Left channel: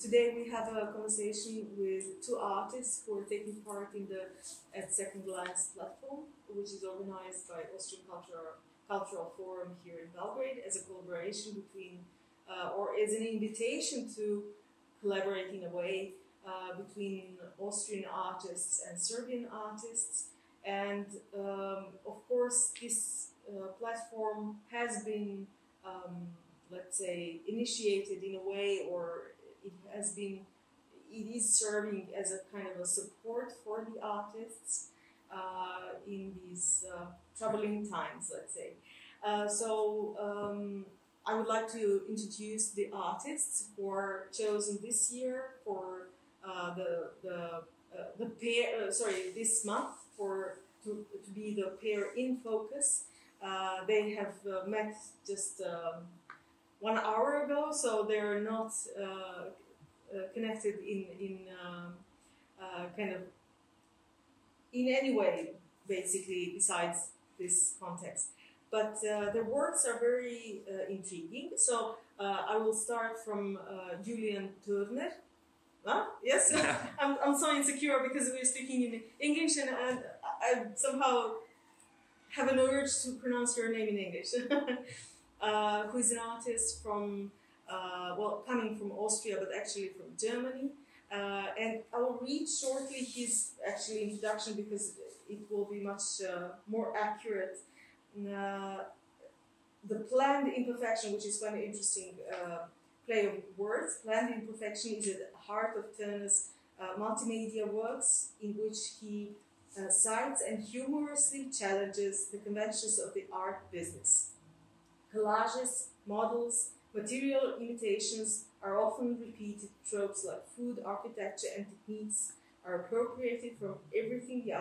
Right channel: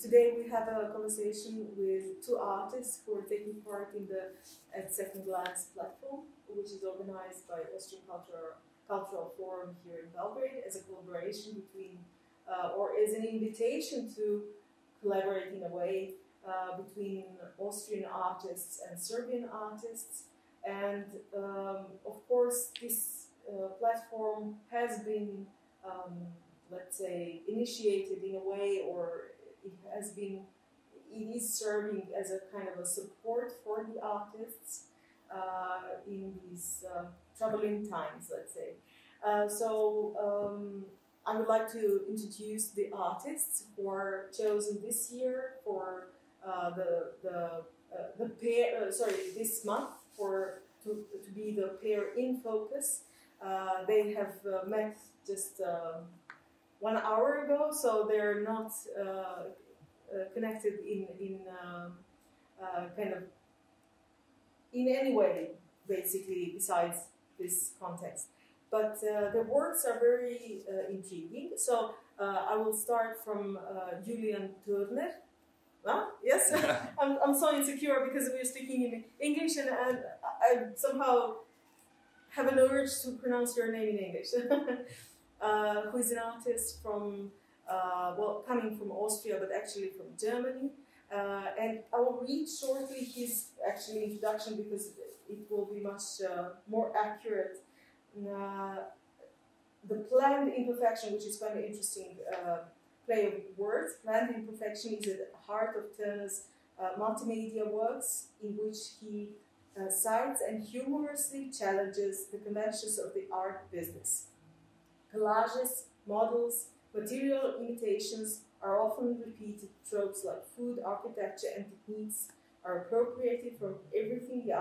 Today we have a conversation with two artists who are taking part in the At Second Glance platform, which is organized by Austrian Cultural Forum here in Belgrade as a collaboration between, or as an invitation to collaborate in a way between Austrian artists and Serbian artists. And of course, this platform has been, let's say, initiated in a way, or it is serving as a kind of a support for the artists in these troubling times, let's say. I would like to introduce the artists who are chosen this year for this month to be the pair in focus. They have met just 1 hour ago, so they're not connected in kind of in any way, basically, besides this context. But their works are very intriguing. So I will start from Julian Turner. Huh? Yes, I'm so insecure because we're speaking in English, and I somehow have an urge to pronounce your name in English. Who is an artist from, coming from Austria, but actually from Germany. And I will read shortly his actually introduction because it will be much more accurate. The planned imperfection, which is quite an interesting play of words. Planned imperfection is at the heart of Turner's multimedia works, in which he cites and humorously challenges the conventions of the art business. Collages, models, material imitations are often repeated. Tropes like food, architecture, and techniques are appropriated from everything the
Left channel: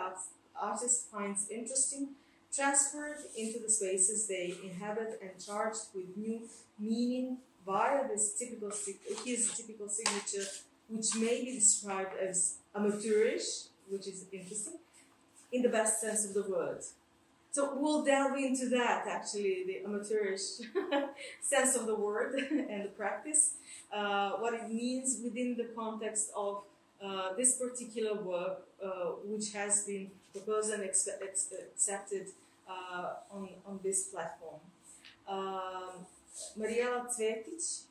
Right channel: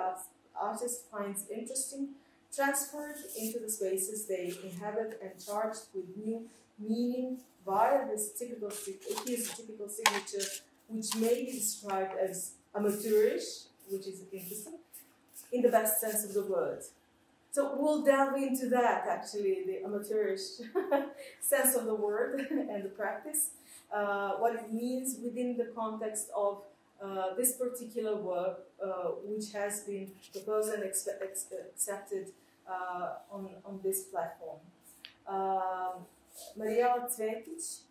artist finds interesting, transferred into the spaces they inhabit, and charged with new meaning via his typical signature, which may be described as amateurish, which is interesting, in the best sense of the word. So we'll delve into that, actually, the amateurish sense of the word and the practice, what it means within the context of this particular work, which has been proposed and accepted on this platform. Mariela Cvetić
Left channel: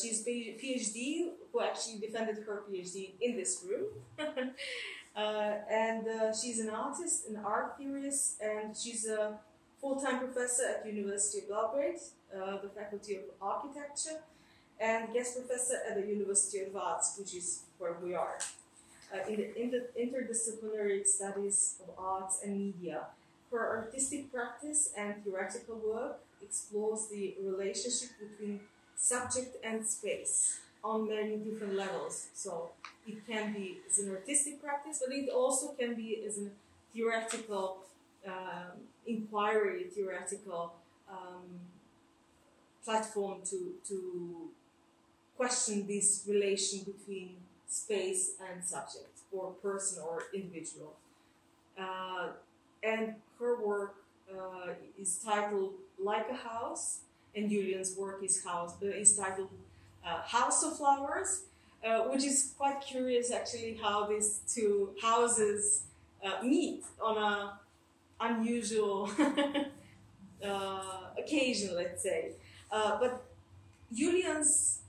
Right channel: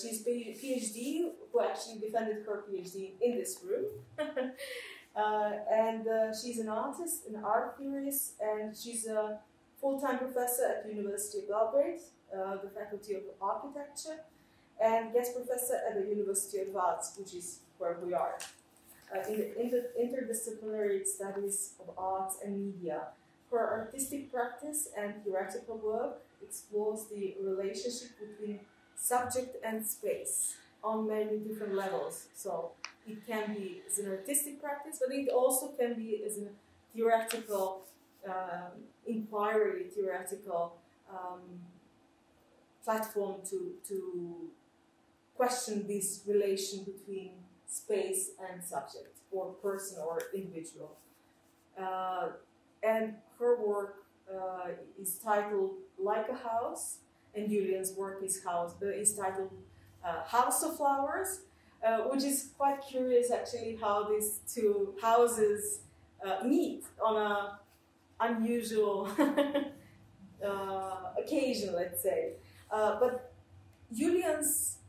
she's PhD, who actually defended her PhD in this room. She's an artist, an art theorist, and she's a full-time professor at the University of Belgrade, the Faculty of Architecture, and guest professor at the University of Arts, which is where we are, in the interdisciplinary studies of arts and media. Her artistic practice and theoretical work explores the relationship between subject and space on many different levels. So it can be as an artistic practice, but it also can be as a theoretical inquiry, theoretical platform to question this relation between space and subject, or person or individual. And her work is titled Like a House, and Julian's work is titled House of Flowers, which is quite curious, actually, how these two houses meet on an unusual occasion, let's say. But Julian's,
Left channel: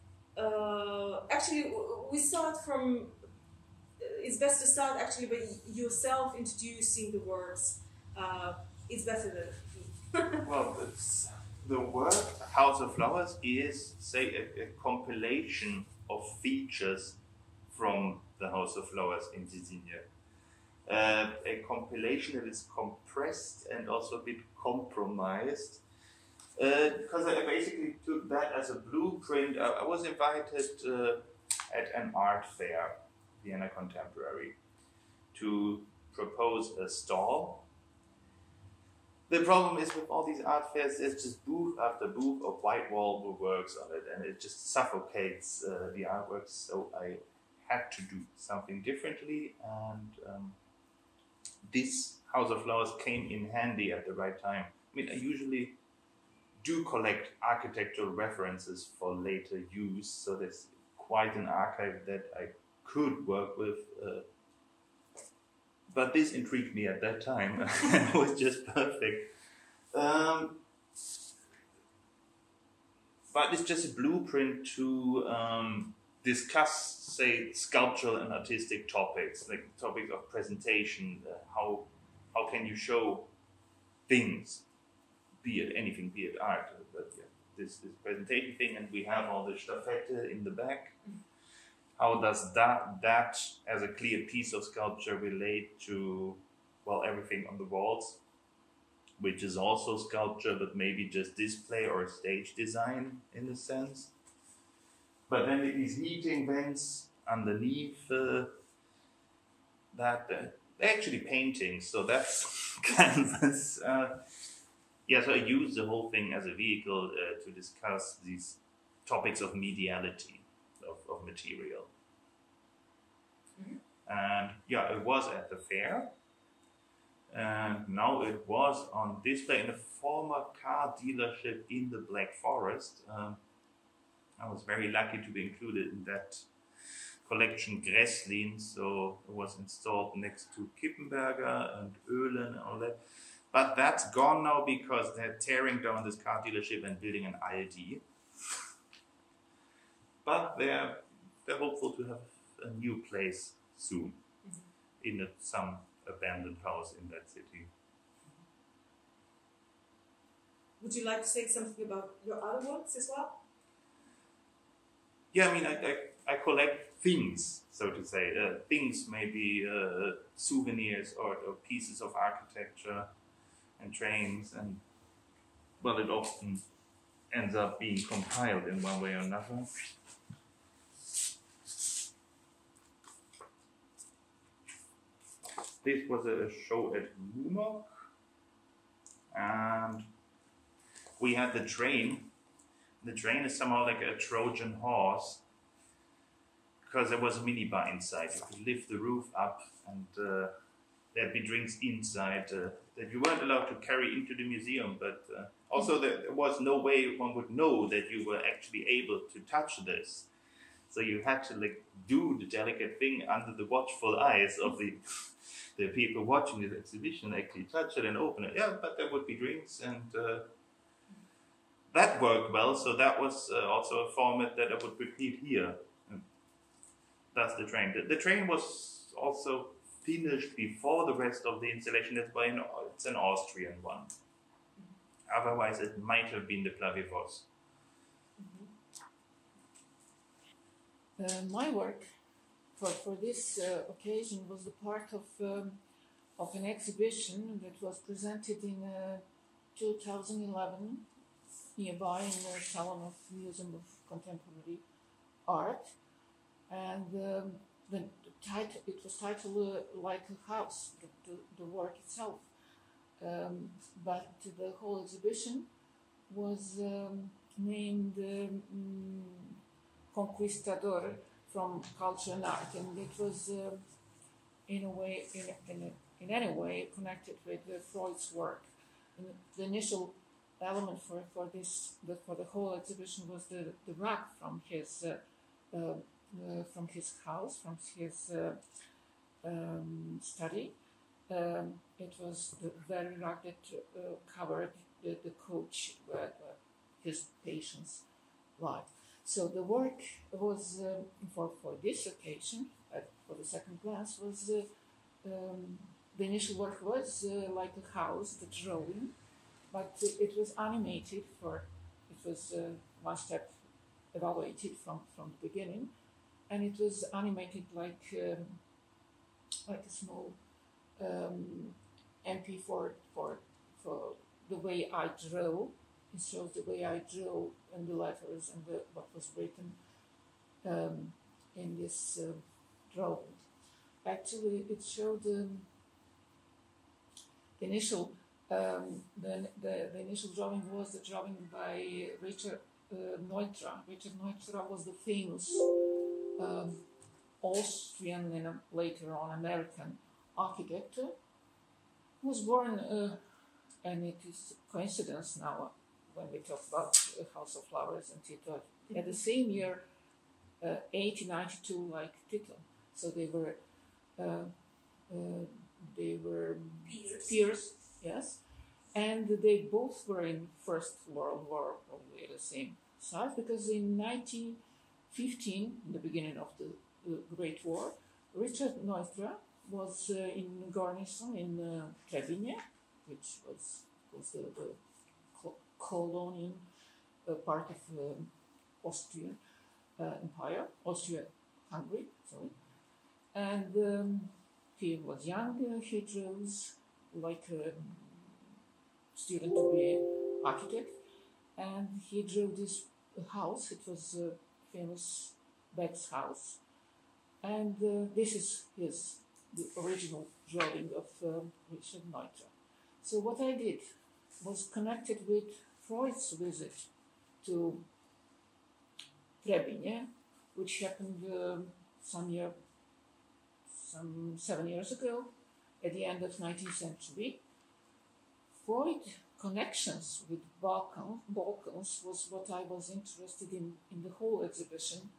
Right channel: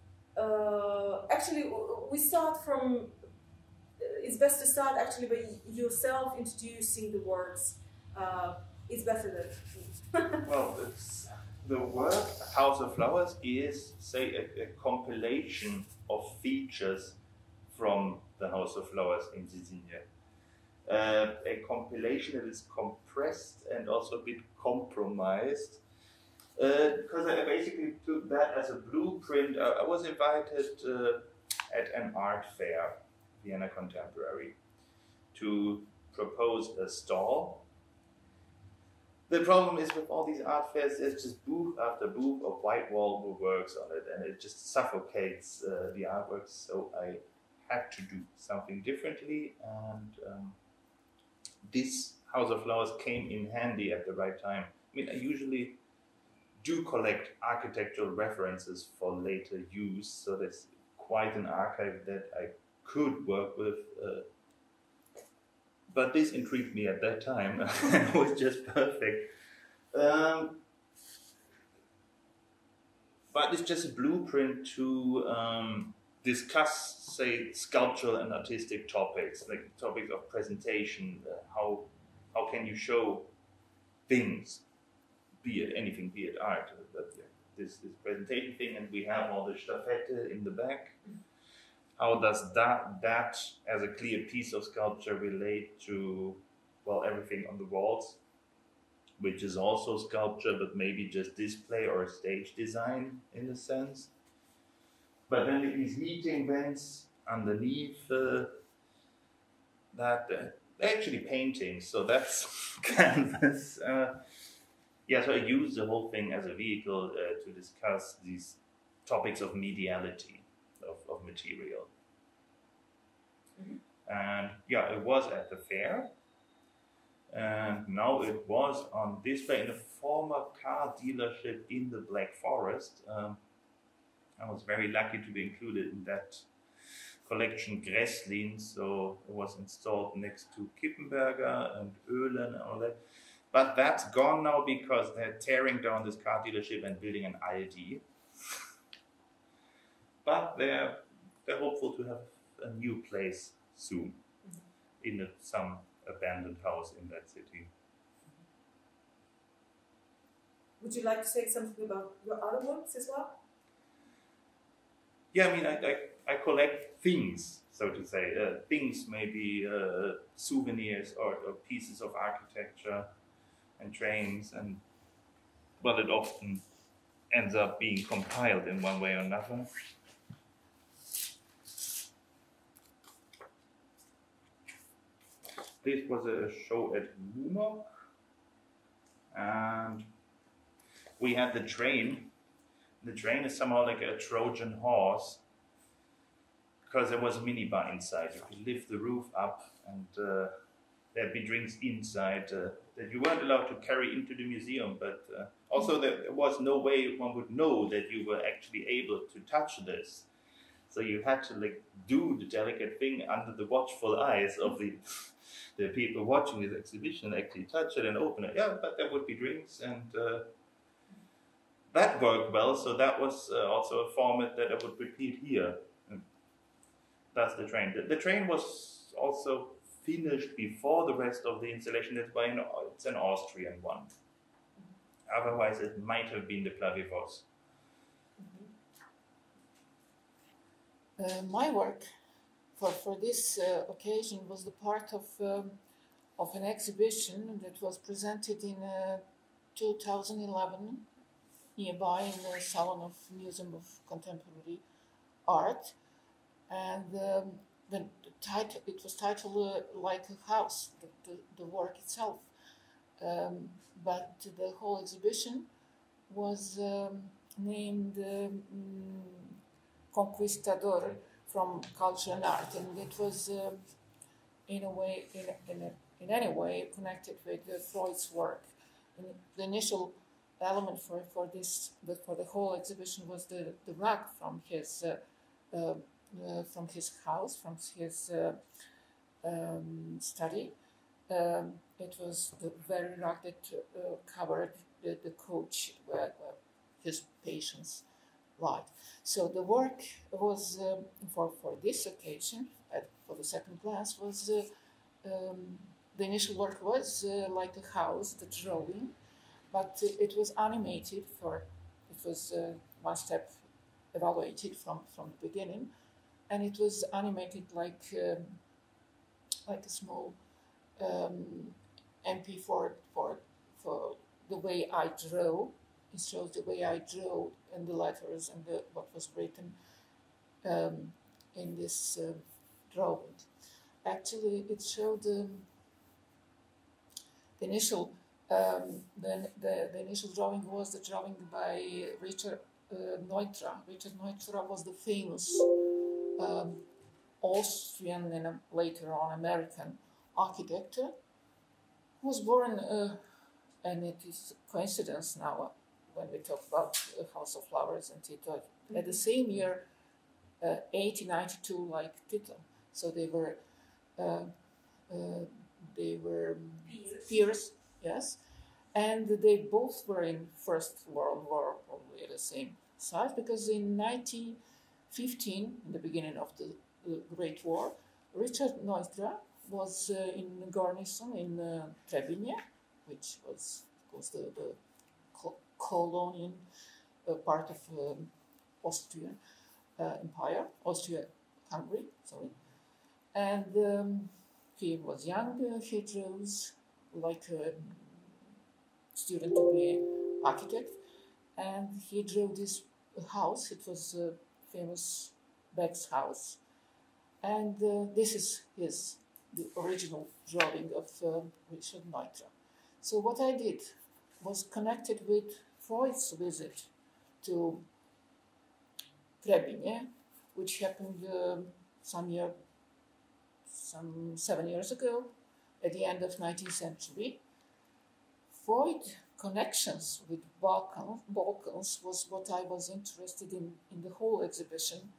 actually, we start from, it's best to start actually by yourself introducing the works. It's better than Well, the work House of Flowers is, say, a compilation of features from the House of Flowers in Zisinje. A compilation that is compressed and also a bit compromised. Because I basically took that as a blueprint. I was invited at an art fair, Vienna Contemporary, to propose a stall. The problem is with all these art fairs, there's just booth after booth of white wall works on it, and it just suffocates the artworks. So I had to do something differently, and this House of Flowers came in handy at the right time. I mean, I usually do collect architectural references for later use, so this quite an archive that I could work with. But this intrigued me at that time. It was just perfect. But it's just a blueprint to discuss, say, sculptural and artistic topics, like topics of presentation. How can you show things, be it anything, be it art, but yeah, this presentation thing, and we have all the staffette in the back. How does that as a clear piece of sculpture relate to, well, everything on the walls, which is also sculpture, but maybe just display or stage design in a sense. But then these heating vents underneath that, actually paintings, so that's canvas. Yeah, so I use the whole thing as a vehicle to discuss these topics of mediality, of material. Mm-hmm. And yeah, it was at the fair. And now it was on display in a former car dealership in the Black Forest. I was very lucky to be included in that collection Gresslin, so it was installed next to Kippenberger and Oehlen and all that. But that's gone now because they're tearing down this car dealership and building an Aldi. But they're hopeful to have a new place soon in some abandoned house in that city. Would you like to say something about your other works as well? Yeah, I mean, I collect things, so to say. Things, maybe souvenirs or pieces of architecture and trains, and well, it often ends up being compiled in one way or another. This was a show at Mumok, and we had the train. The train is somehow like a Trojan horse, because there was a minibar inside. You could lift the roof up, and there'd be drinks inside that you weren't allowed to carry into the museum, but also there was no way one would know that you were actually able to touch this. So you had to like do the delicate thing under the watchful eyes of the people watching this exhibition, actually touch it and open it. Yeah, but there would be drinks, and that worked well. So that was also a format that I would repeat here. And that's the train. The train was also finished before the rest of the installation. That's why it's an Austrian one. Otherwise, it might have been the Clavivos. My work for this occasion was the part of an exhibition that was presented in 2011 nearby in the Salon of Museum of Contemporary Art, and it was titled Like a House, the work itself, but the whole exhibition was named Conquistador from Culture and Art, and it was in any way connected with Freud's work. And the initial element for the whole exhibition was the rug from his house, from his study. It was the very rug that covered the coach where his patients lied. So the work was for this occasion, for the second glance, was the initial work was like a house, the drawing, but it was animated. It was one step evaluated from the beginning, and it was animated like a small MP for the way I draw. It shows the way I drew and the letters and what was written in this drawing. Actually, it showed the initial the initial drawing was the drawing by Richard Neutra. Richard Neutra was the famous Austrian and later on American architect who was born, and it is coincidence now when we talk about House of Flowers and Tito, at the same year 1892 like Tito. So they were peers, yes, and they both were in First World War, probably at the same side, because in 1915, in the beginning of the Great War, Richard Neutra was in garrison in Trebinje, which was the colonial part of Austria Empire, Austria-Hungary, sorry. And he was young, he chose like a student to be architect, and he drew this house. It was a famous Beck's house, and this is the original drawing of Richard Neutra. So what I did was connected with Freud's visit to Trebinje, which happened some 7 years ago, at the end of 19th century. Freud connections with Balkans was what I was interested in the whole exhibition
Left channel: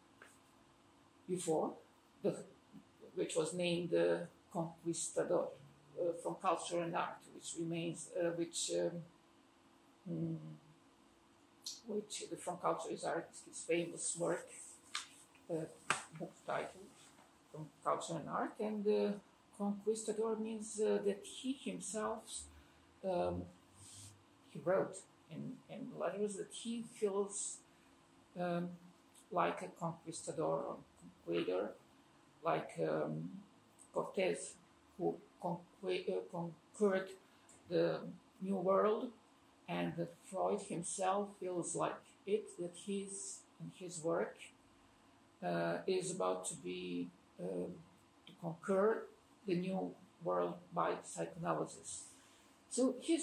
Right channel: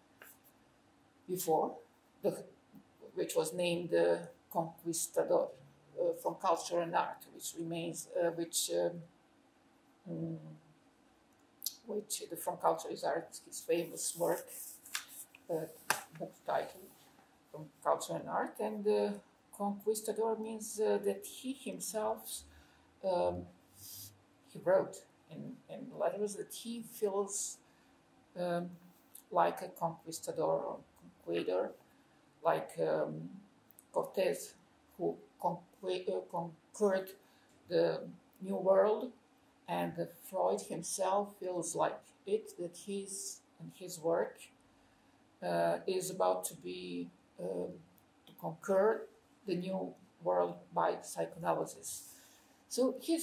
before, which was named Conquistador, from Culture and Art, which remains, which the From Culture is Art, his famous work, book title, From Culture and Art, and Conquistador means that he himself, he wrote in letters that he feels like a conquistador or conqueror, like Cortés, who conquered the New World, and Freud himself feels like it, that his work is about to be to conquer the New World by psychoanalysis. So he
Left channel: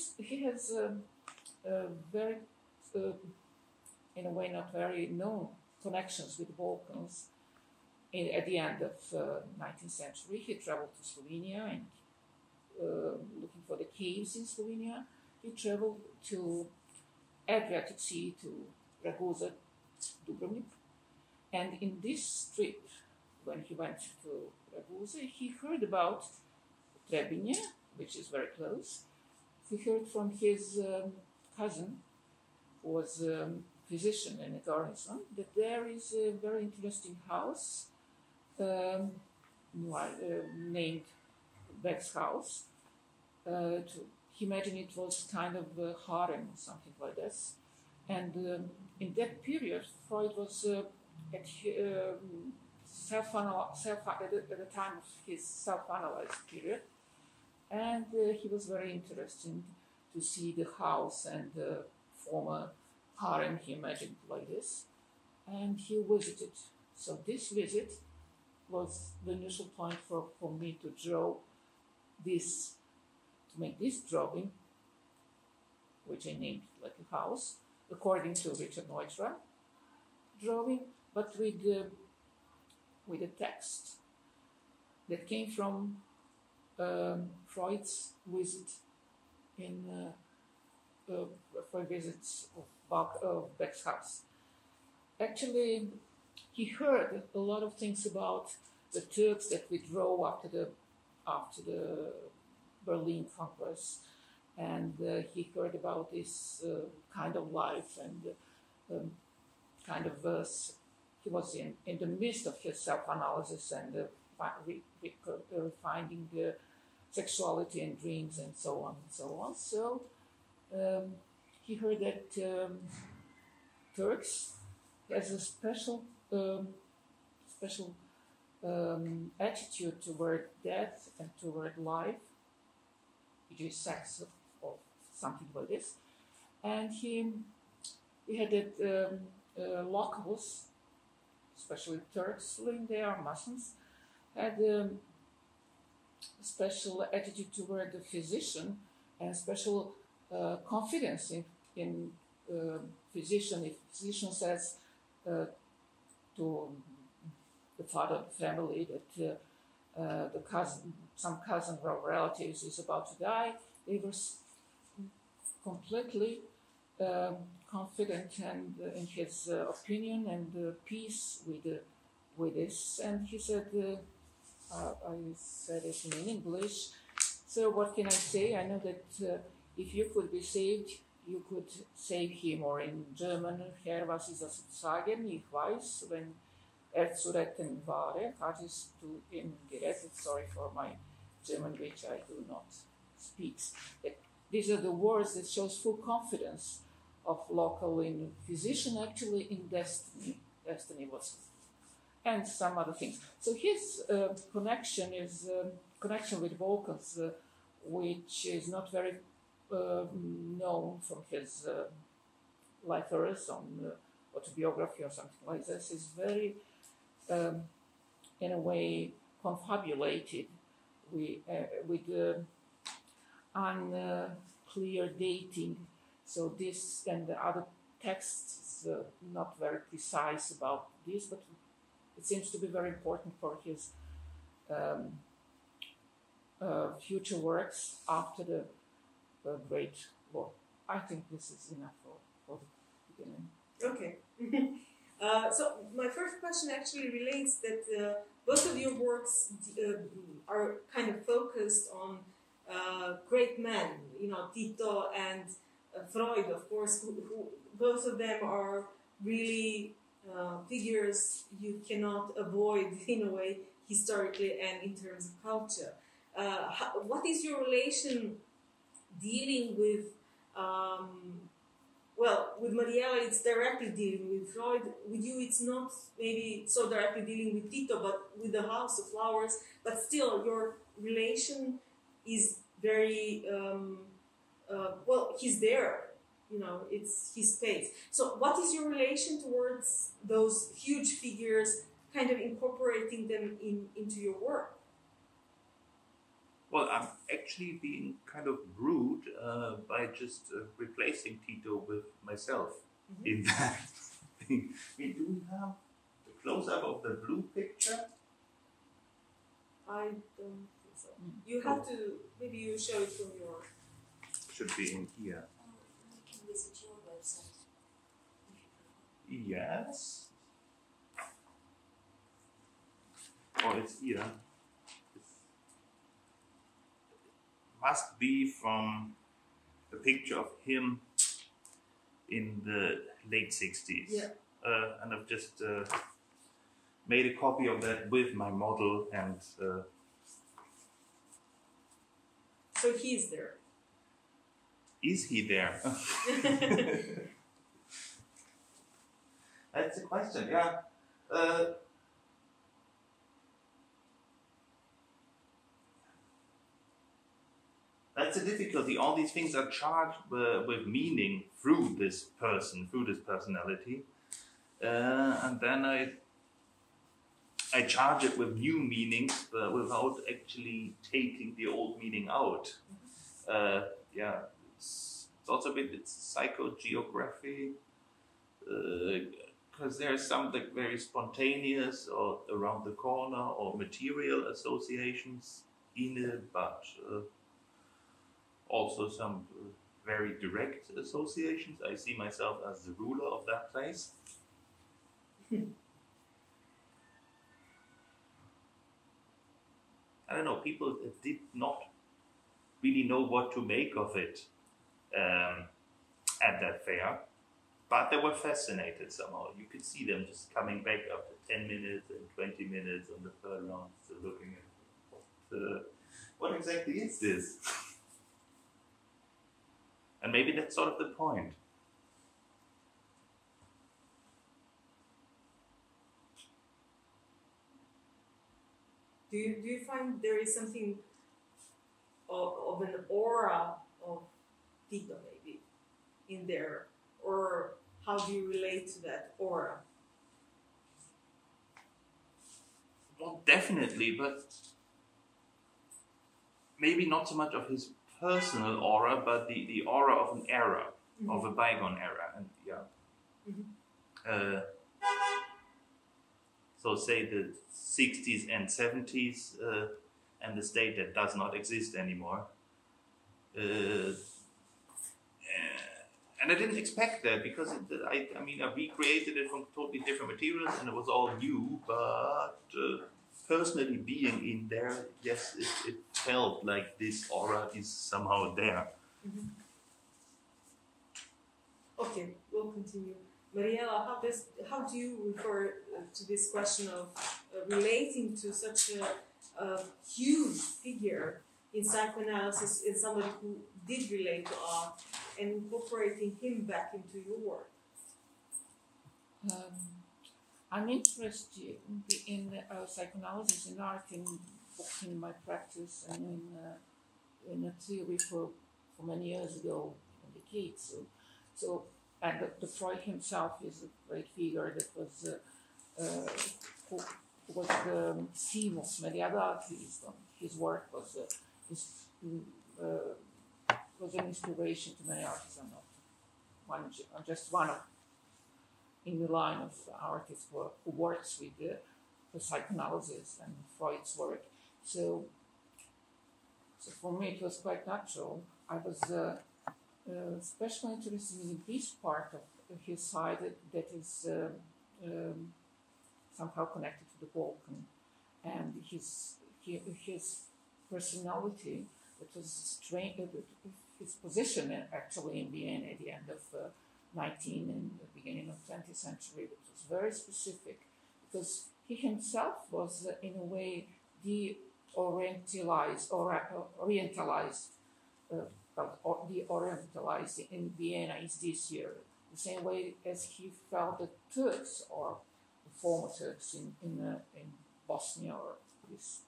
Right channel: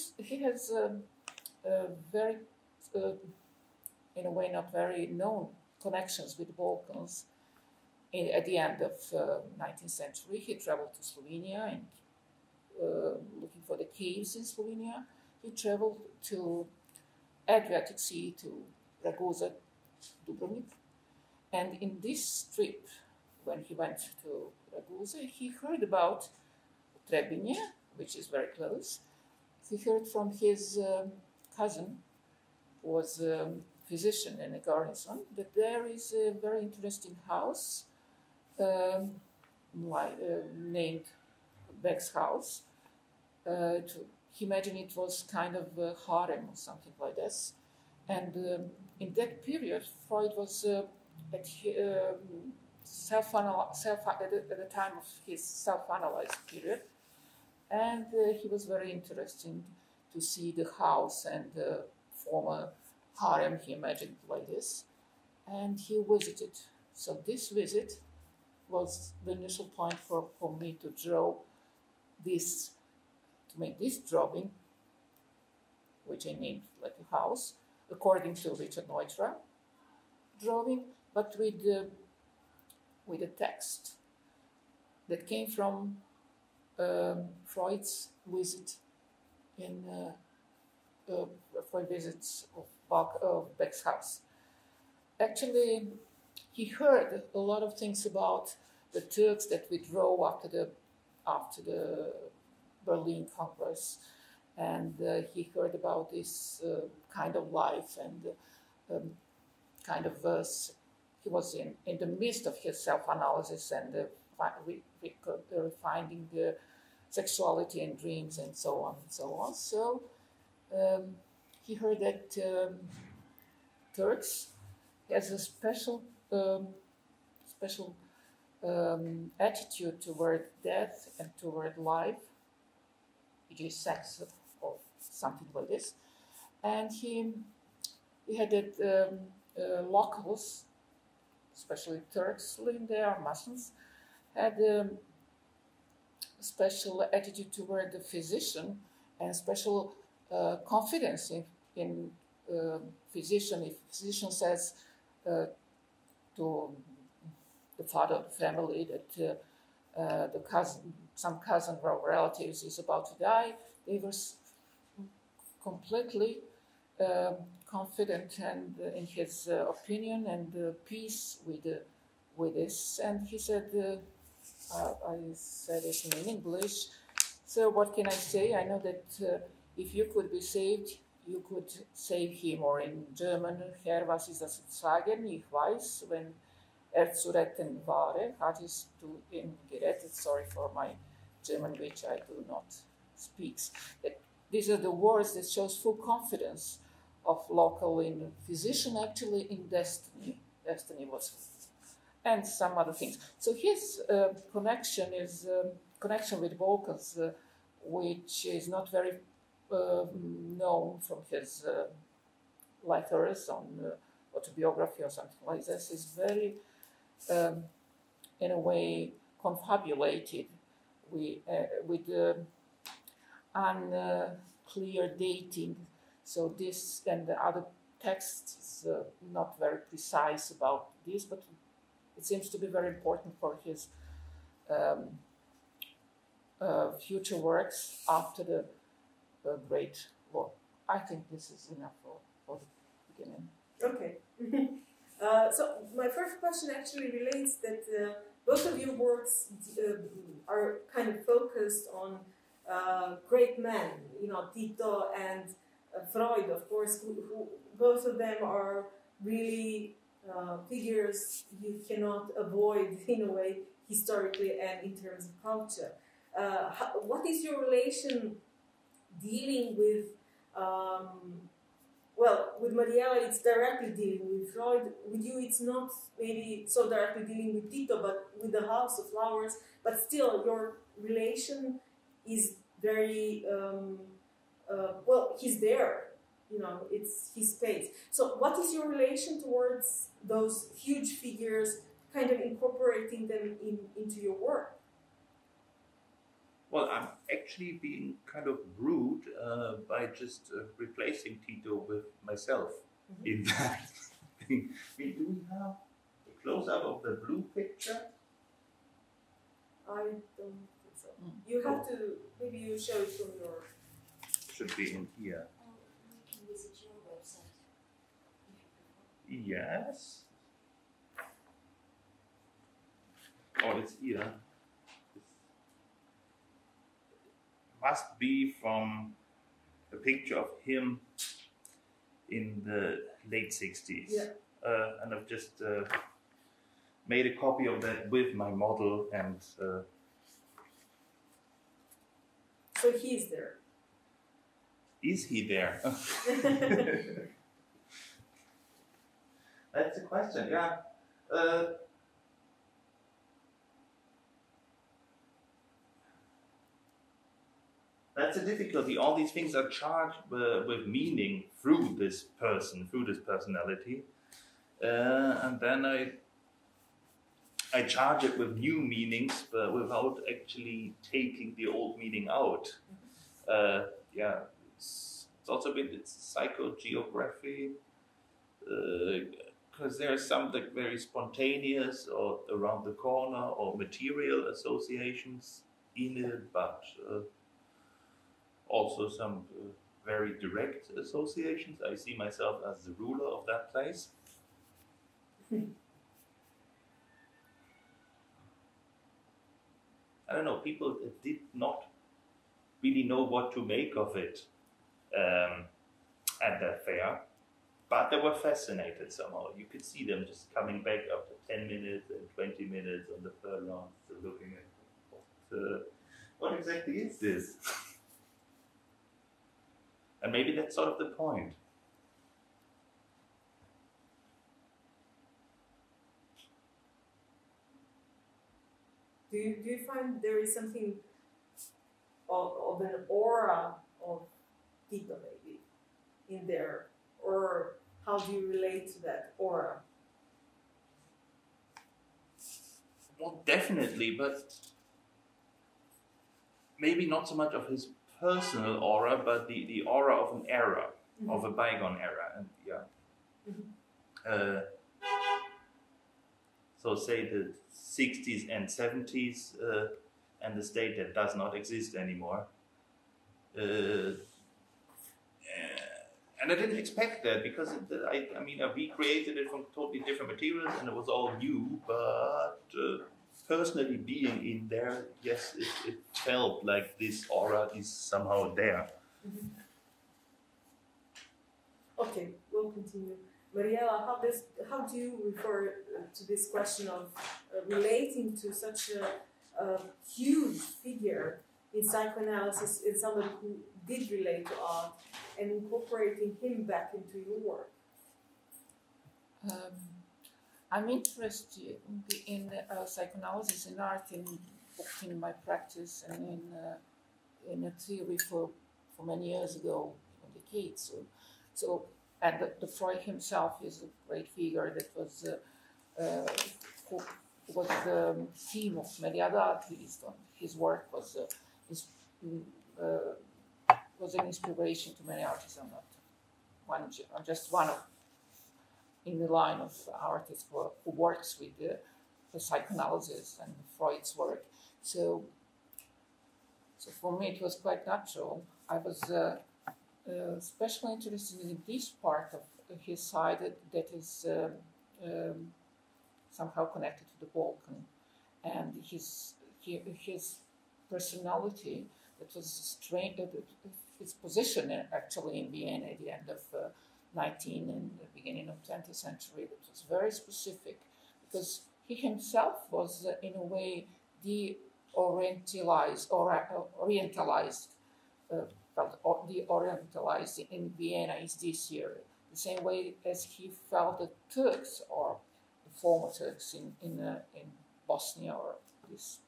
has very, in a way, not very known connections with the Balkans. At the end of 19th century, he traveled to Slovenia and looking for the caves in Slovenia. He traveled to Adriatic Sea, to Ragusa, Dubrovnik. And in this trip, when he went to Ragusa, he heard about Trebinje, which is very close. He heard from his cousin, who was a physician in a garrison, that there is a very interesting house named Beck's house. He imagined it was kind of a harem or something like this. And in that period, Freud was at the time of his self-analyzed period, and he was very interested to see the house and the former harem he imagined like this, and he visited. So this visit was the initial point for me to draw this, to make this drawing, which I named like a house, according to Richard Neutra drawing, but with a text that came from Freud's visit Freud visits of Beck's house. Actually, he heard a lot of things about the Turks that withdrew after the Berlin Congress, and he heard about this kind of life and kind of he was in the midst of his self-analysis and finding sexuality and dreams and so on and so on. So he heard that Turks has a special attitude toward death and toward life, which is sex or something like this. And he had that locals, especially Turks living there, Muslims, had a special attitude toward the physician and special confidence in physician. If physician says to the father of the family that some cousin or relatives is about to die, they were completely confident and in his opinion and peace with with this, and he said, I said it in English, so what can I say? I know that if you could be saved, you could save him, or in German, Herr, was ist das sagen? Ich weiß, wenn zu retten wäre, hattest du ihn gerettet. Sorry for my German, which I do not speak. These are the words that shows full confidence of local in physician, actually in destiny. Destiny was, and some other things. So his connection is connection with vocals, which is not very known from his letters on autobiography or something like this. Is very, in a way, confabulated with unclear dating. So this and the other texts not very precise about this, but it seems to be very important for his future works after the Great War. I think this is enough for the beginning. Okay. So my first question actually relates that both of your works are kind of focused on great men, you know, Tito and Freud, of course, who both of them are really figures you cannot avoid in a way historically and in terms of culture. What is your relation dealing with, well, with Mariela it's directly dealing with Freud, with you it's not maybe so directly dealing with Tito, but with the House of Flowers, but still your relation is very, well, he's there, you know, it's his space. So what is your relation towards those huge figures, kind of incorporating them into your work? Well, I'm actually being kind of rude by just replacing Tito with myself in that thing. Do we have the close-up of the blue picture? I don't think so. You have to, maybe you show it from your... Should be in here. Visit your website. Yes. Oh, it's here. Must be from a picture of him in the late 60s. Yeah. And I've just made a copy of that with my model and... So he's there. Is he there? That's the question, yeah. That's a difficulty. All these things are charged with meaning through this person, through this personality. And then I charge it with new meanings, but without actually taking the old meaning out. Yeah, it's also a bit, it's psychogeography, because there's something very spontaneous or around the corner or material associations in it, but also some very direct associations. I see myself as the ruler of that place. I don't know, people did not really know what to make of it at that fair, but they were fascinated somehow. You could see them just coming back after 10 minutes and 20 minutes on the third round, still looking at what exactly is this? And maybe that's sort of the point. Do you find there is something of an aura of Tito maybe in there? Or how do you relate to that aura? Well, definitely, but maybe not so much of his personal aura, but the aura of an era, of a bygone era. And yeah. So say the 60s and 70s and the state that does not exist anymore. And And I didn't expect that because I mean, I recreated it from totally different materials and it was all new. But personally being in there, yes, it felt like this aura is somehow there. Mm-hmm. Okay, we'll continue. Mariela, how do you refer to this question of relating to such a huge figure in psychoanalysis, in somebody who did relate to art, and incorporating him back into your work? I'm interested in psychoanalysis and art in my practice and in a theory for many years ago, decades. So and the Freud himself is a great figure that was who was the theme of many other artists. His work was an inspiration to many artists. I'm just one of in the line of artists who works with the psychoanalysis and Freud's work. So for me it was quite natural. I was especially interested in this part of his side that is somehow connected to the Balkan, and his personality that was strange. His position actually in Vienna at the end of 19th and the beginning of 20th century, that was very specific, because he himself was in a way orientalized in Vienna is this year, the same way as he felt the Turks or the former Turks in Bosnia or these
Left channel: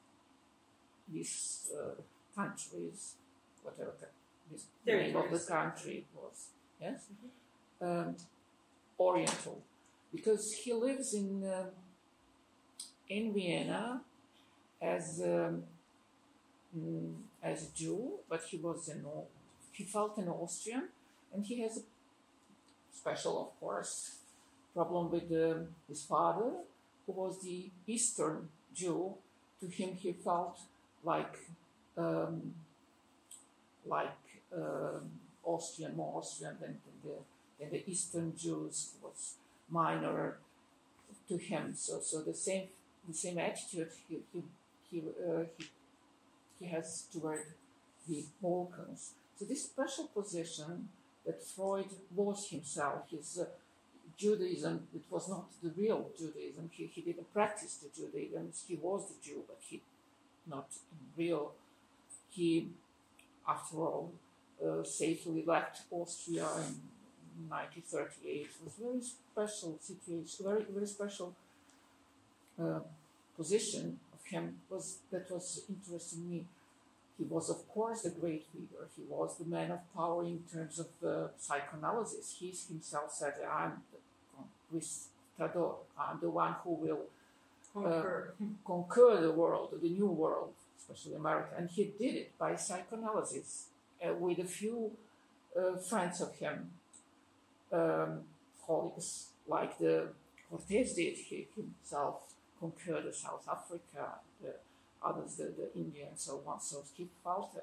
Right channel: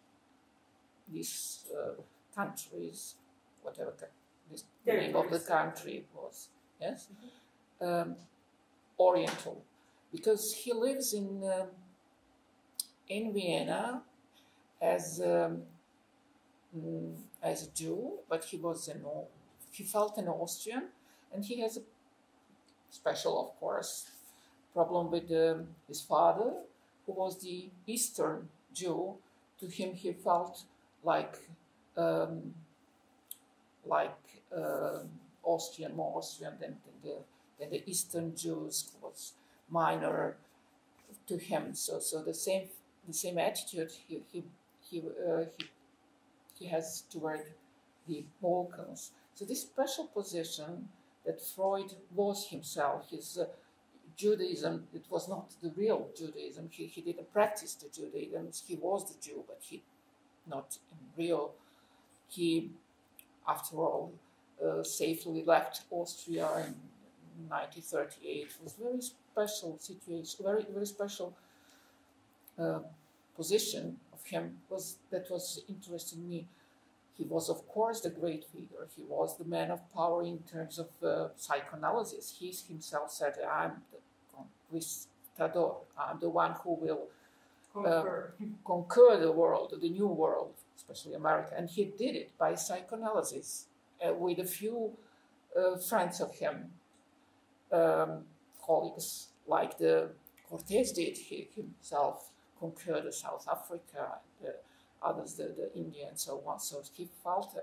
countries, whatever the name of the country was, yes, Oriental, because he lives in Vienna as a Jew, but he felt an Austrian, and he has a special, of course, problem with his father, who was the Eastern Jew. To him, he felt like Austrian, more Austrian than the Eastern Jews, who was minor to him. So the same attitude he has toward the Balkans. So this special position that Freud was himself, his Judaism, it was not the real Judaism. He didn't practice the Judaism. He was the Jew, but he not in real. He, after all, safely left Austria in 1938. It was a very special situation, very special position of him that was interesting me. He was, of course, the great figure. He was the man of power in terms of psychoanalysis. He himself said, I'm the one who will conquer the world, the new world, especially America. And he did it by psychoanalysis with a few friends of him, colleagues, like the Cortés did. He himself conquered South Africa, the others, the India, and so on. So he felt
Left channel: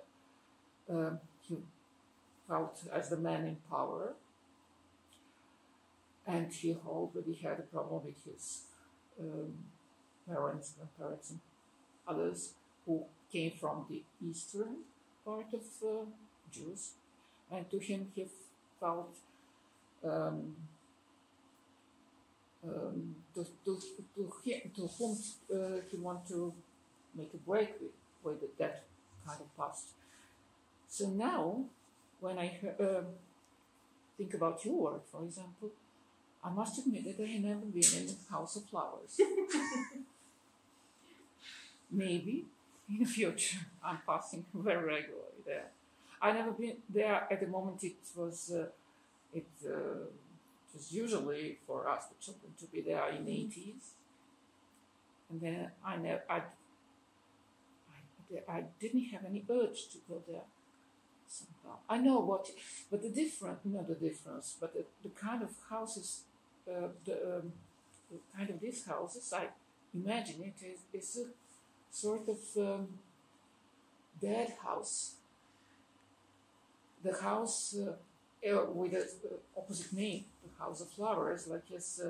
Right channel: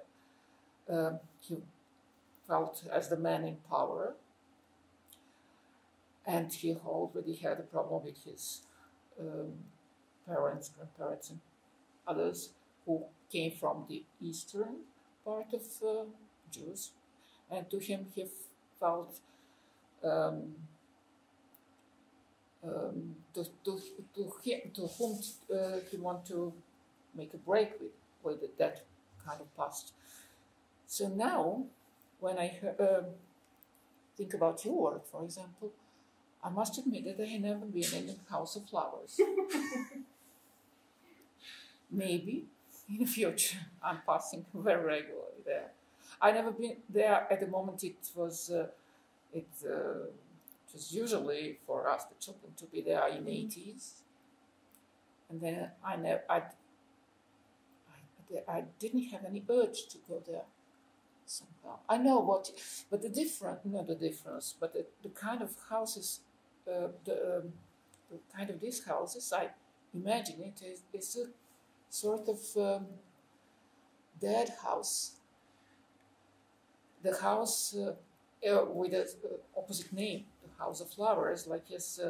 as the man in power, and he already had a problem with his parents, grandparents, and others who came from the eastern part of Jews, and to him he felt to whom he wanted to make a break with that kind of past. So now, when I think about your work, for example, I must admit that I have never been in the House of Flowers. Maybe in the future I'm passing very regularly there. I've never been there at the moment. It was usually for us, the children, to be there in the 80s, and then I didn't have any urge to go there somehow. I know what, but the kind of houses, the kind of these houses, I imagine it is a sort of dead house. The house with the opposite name, the House of Flowers, like his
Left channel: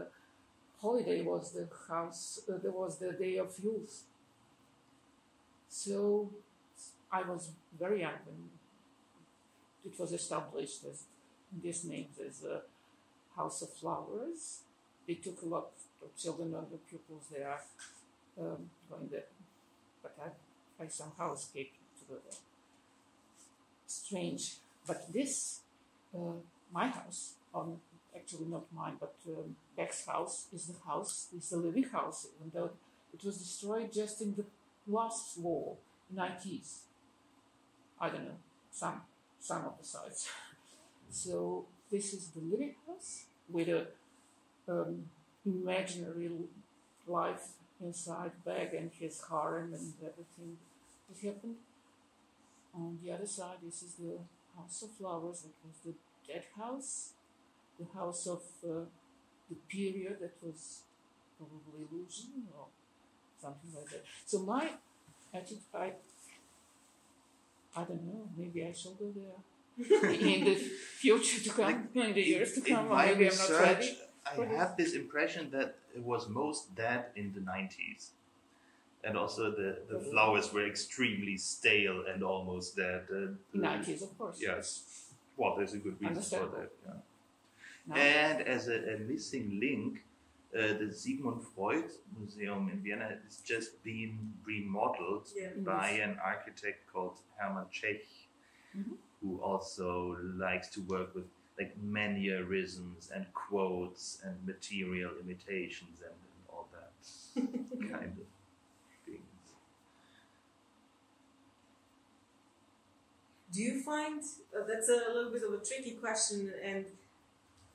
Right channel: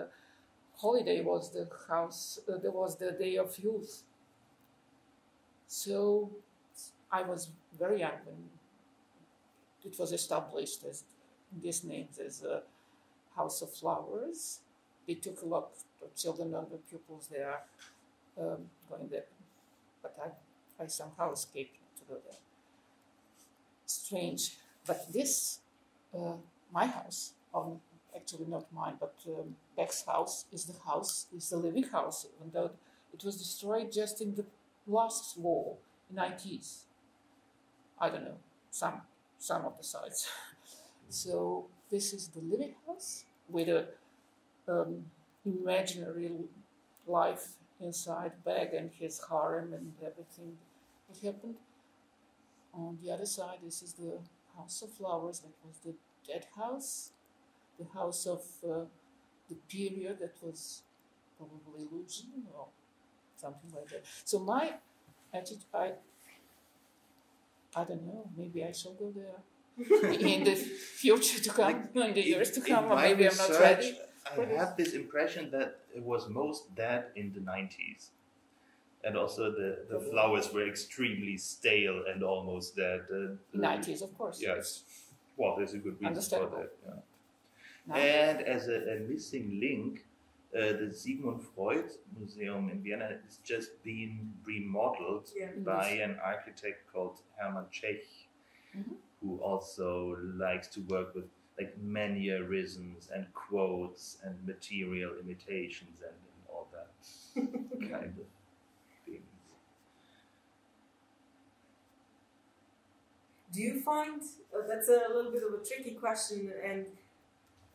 holiday was the house, there was the Day of Youth. So I was very young when it was established as these names as a House of Flowers. They took a lot of children and the pupils there going there, but I somehow escaped to go there. Strange, but this, my house, actually not mine, but Beck's house is the living house, even though it was destroyed just in the last war, 90s. I don't know, some of the sides. So this is the living house with a imaginary life inside Beck and his harem and everything that happened. On the other side, this is the House of Flowers, that was the dead house, the house of the period that was probably illusion or something like that. So my attitude, I don't know, maybe I shall go there in the future to come, in the years to come. In my maybe research, I have this impression that it was most dead in the 90s. And also the flowers were extremely stale and almost dead. 90s, of course. Yes. Well, there's a good reason for that. Yeah. No. And as a missing link, the Sigmund Freud Museum in Vienna is just being remodeled by an architect called Hermann Czech, who also likes to work with like mannerisms and quotes and material imitations and all that kind of things. Do you find that's a little bit of a tricky question, and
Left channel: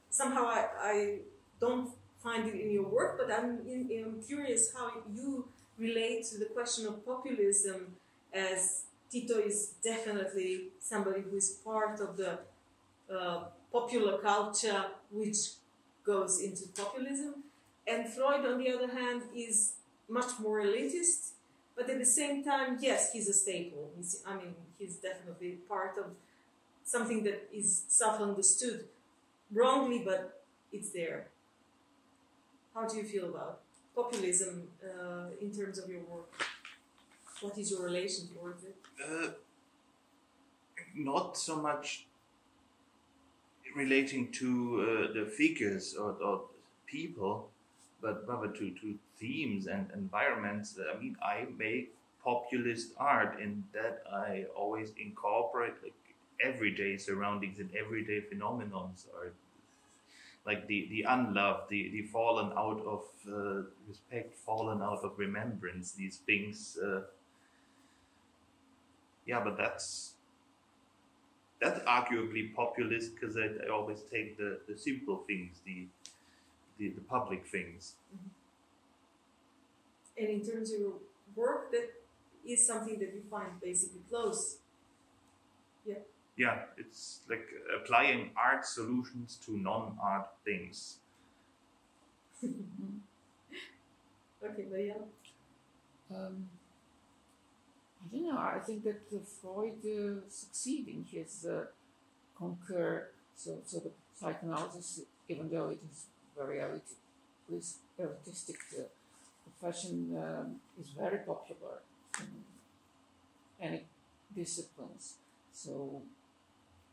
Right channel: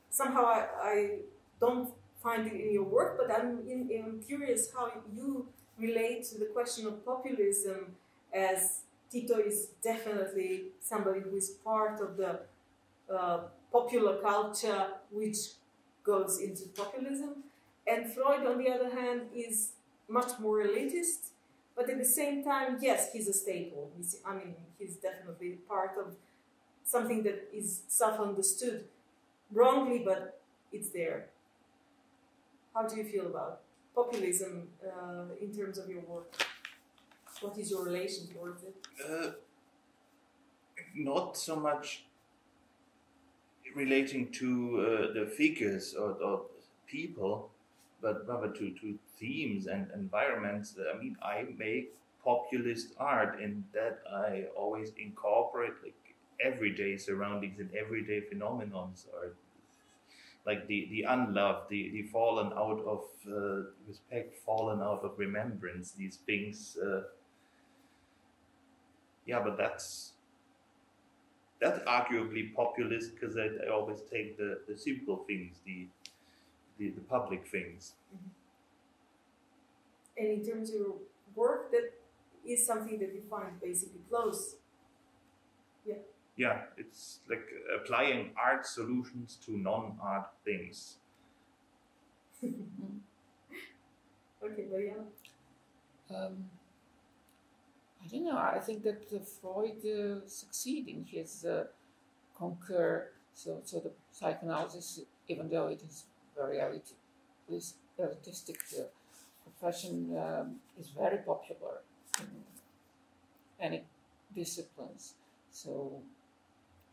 somehow I don't find it in your work, but I'm curious how you relate to the question of populism, as Tito is definitely somebody who is part of the popular culture which goes into populism, and Freud, on the other hand, is much more elitist, but at the same time, yes, he's a staple. He's definitely part of something that is self-understood wrongly, but it's there. How do you feel about populism in terms of your work? What is your relation towards it? Not so much relating to the figures or people, but rather to themes and environments. I make populist art in that I always incorporate like everyday surroundings and everyday phenomenons, or like the unloved, the fallen out of respect, fallen out of remembrance, these things. But that's arguably populist, because I always take the simple things, the public things. And in terms of your work, that is something that you find basically close. Yeah, it's like applying art solutions to non-art things. Okay, Mariela? I don't know. I think that Freud succeeded in his conquer. So the psychoanalysis, even though it is very elitistic profession, is very popular in any disciplines. So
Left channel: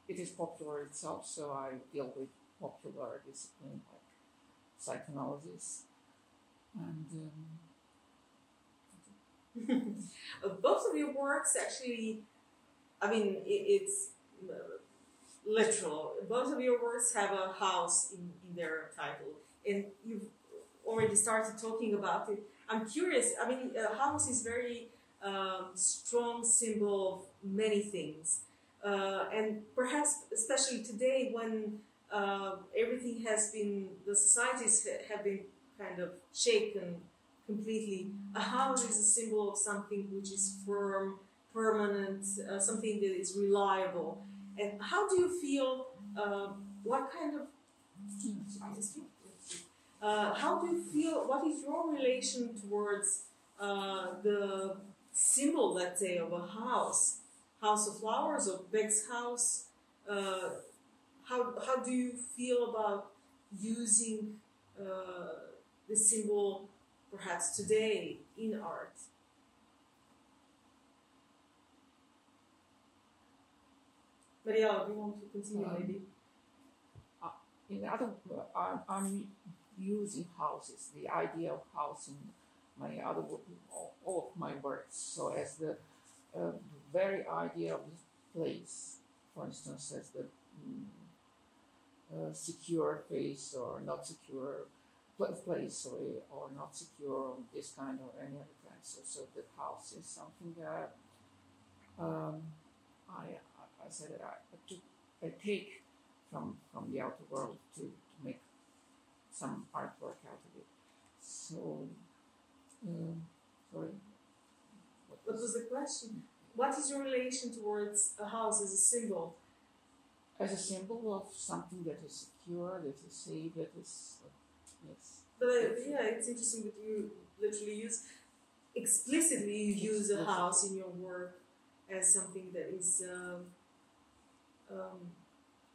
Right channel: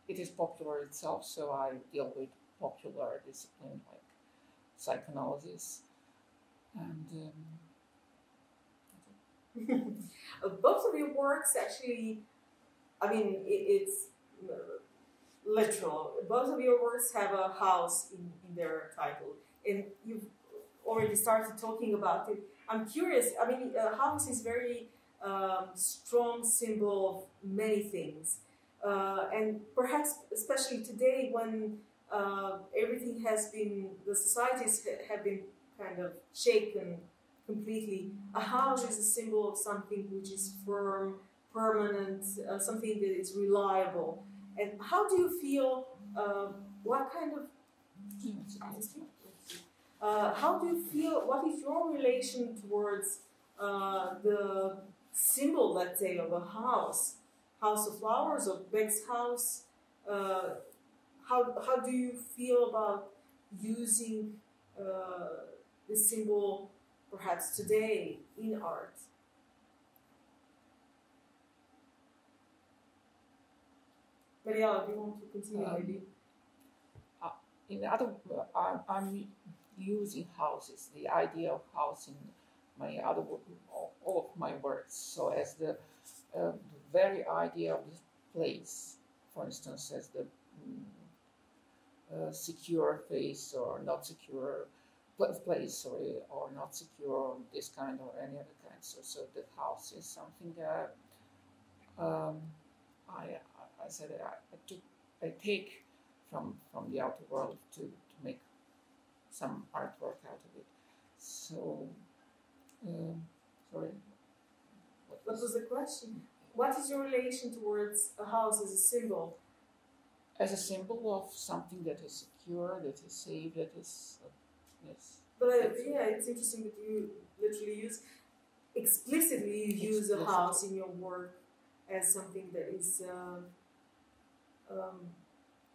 it is popular itself. So I deal with popular discipline like psychoanalysis and. Both of your works actually, it's literal. Both of your works have a house in their title, and you've already started talking about it. I'm curious, a house is very strong symbol of many things, and perhaps especially today when everything has been, the societies have been kind of shaken completely. A house is a symbol of something which is firm, permanent, something that is reliable. And how do you feel, how do you feel, what is your relation towards the symbol, let's say, of a house of flowers, or Beck's house? how do you feel about using the symbol perhaps today in art? Mariela, do you want to continue maybe? In other, I'm using houses, the idea of house in my other all of my works. So as the very idea of the place, for instance, as the secure place or not secure place, or not secure, this kind or any other kind. So the house is something that I said I take from the outer world to make some artwork out of it. So, sorry. What was the question? What is your relation towards a house as a symbol? As a symbol of something that is secure, that is safe, that is, yes. But yeah, it's interesting that you literally explicitly use a house in your work as something that is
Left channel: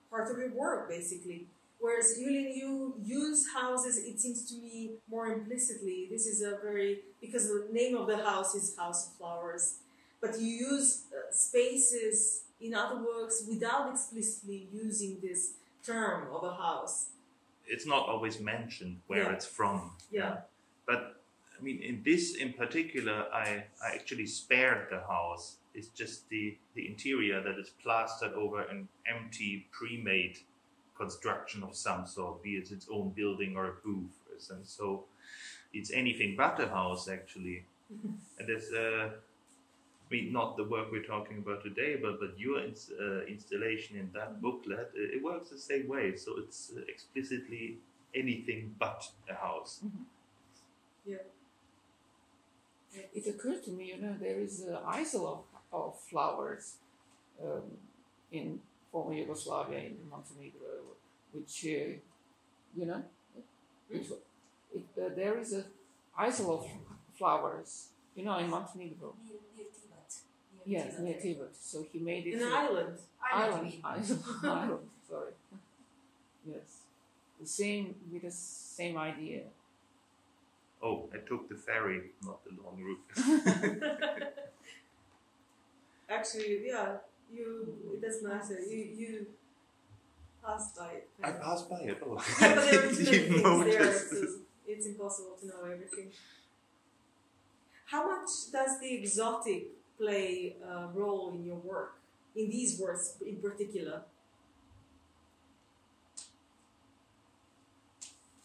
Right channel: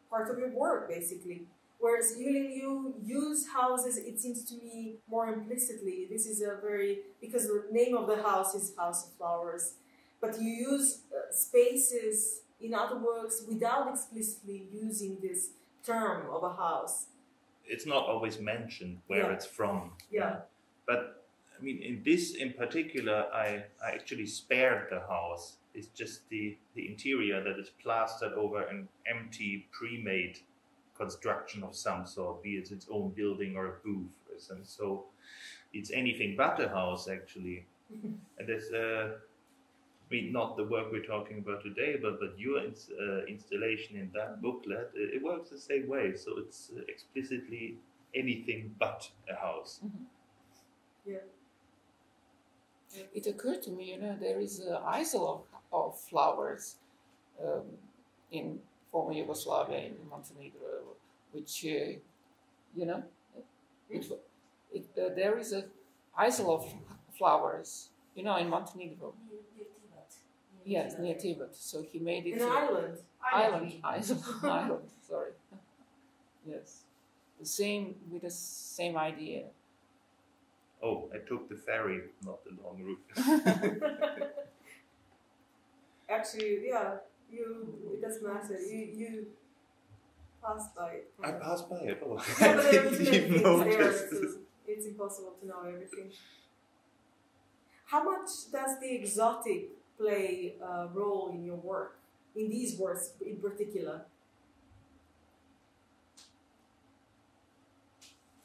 part of your work, basically. Whereas you use houses, it seems to me, more implicitly. This is because the name of the house is House of Flowers, but you use spaces in other works without explicitly using this term of a house. It's not always mentioned where it's from. Yeah. But I mean, in this in particular, I actually spared the house. It's just the interior that is plastered over an empty, pre-made construction of some sort, be it its own building or a booth. And so it's anything but a house, actually. And there's, I mean, not the work we're talking about today, but your installation in that booklet, it works the same way. So it's explicitly anything but a house. Mm-hmm. Yeah. It occurred to me, there is an isle of flowers in former Yugoslavia, in Montenegro, which, there is an isle of flowers, in Montenegro. Yes, near Tibet. So he made it an island. Island. Sorry. Yes, with the same idea. Oh, I took the ferry, not the long route. Actually, yeah, it doesn't matter. You passed by it. I passed by it. Oh, I I didn't even notice. It's impossible to know everything. How much does the exotic play a role in your work, in these works in particular?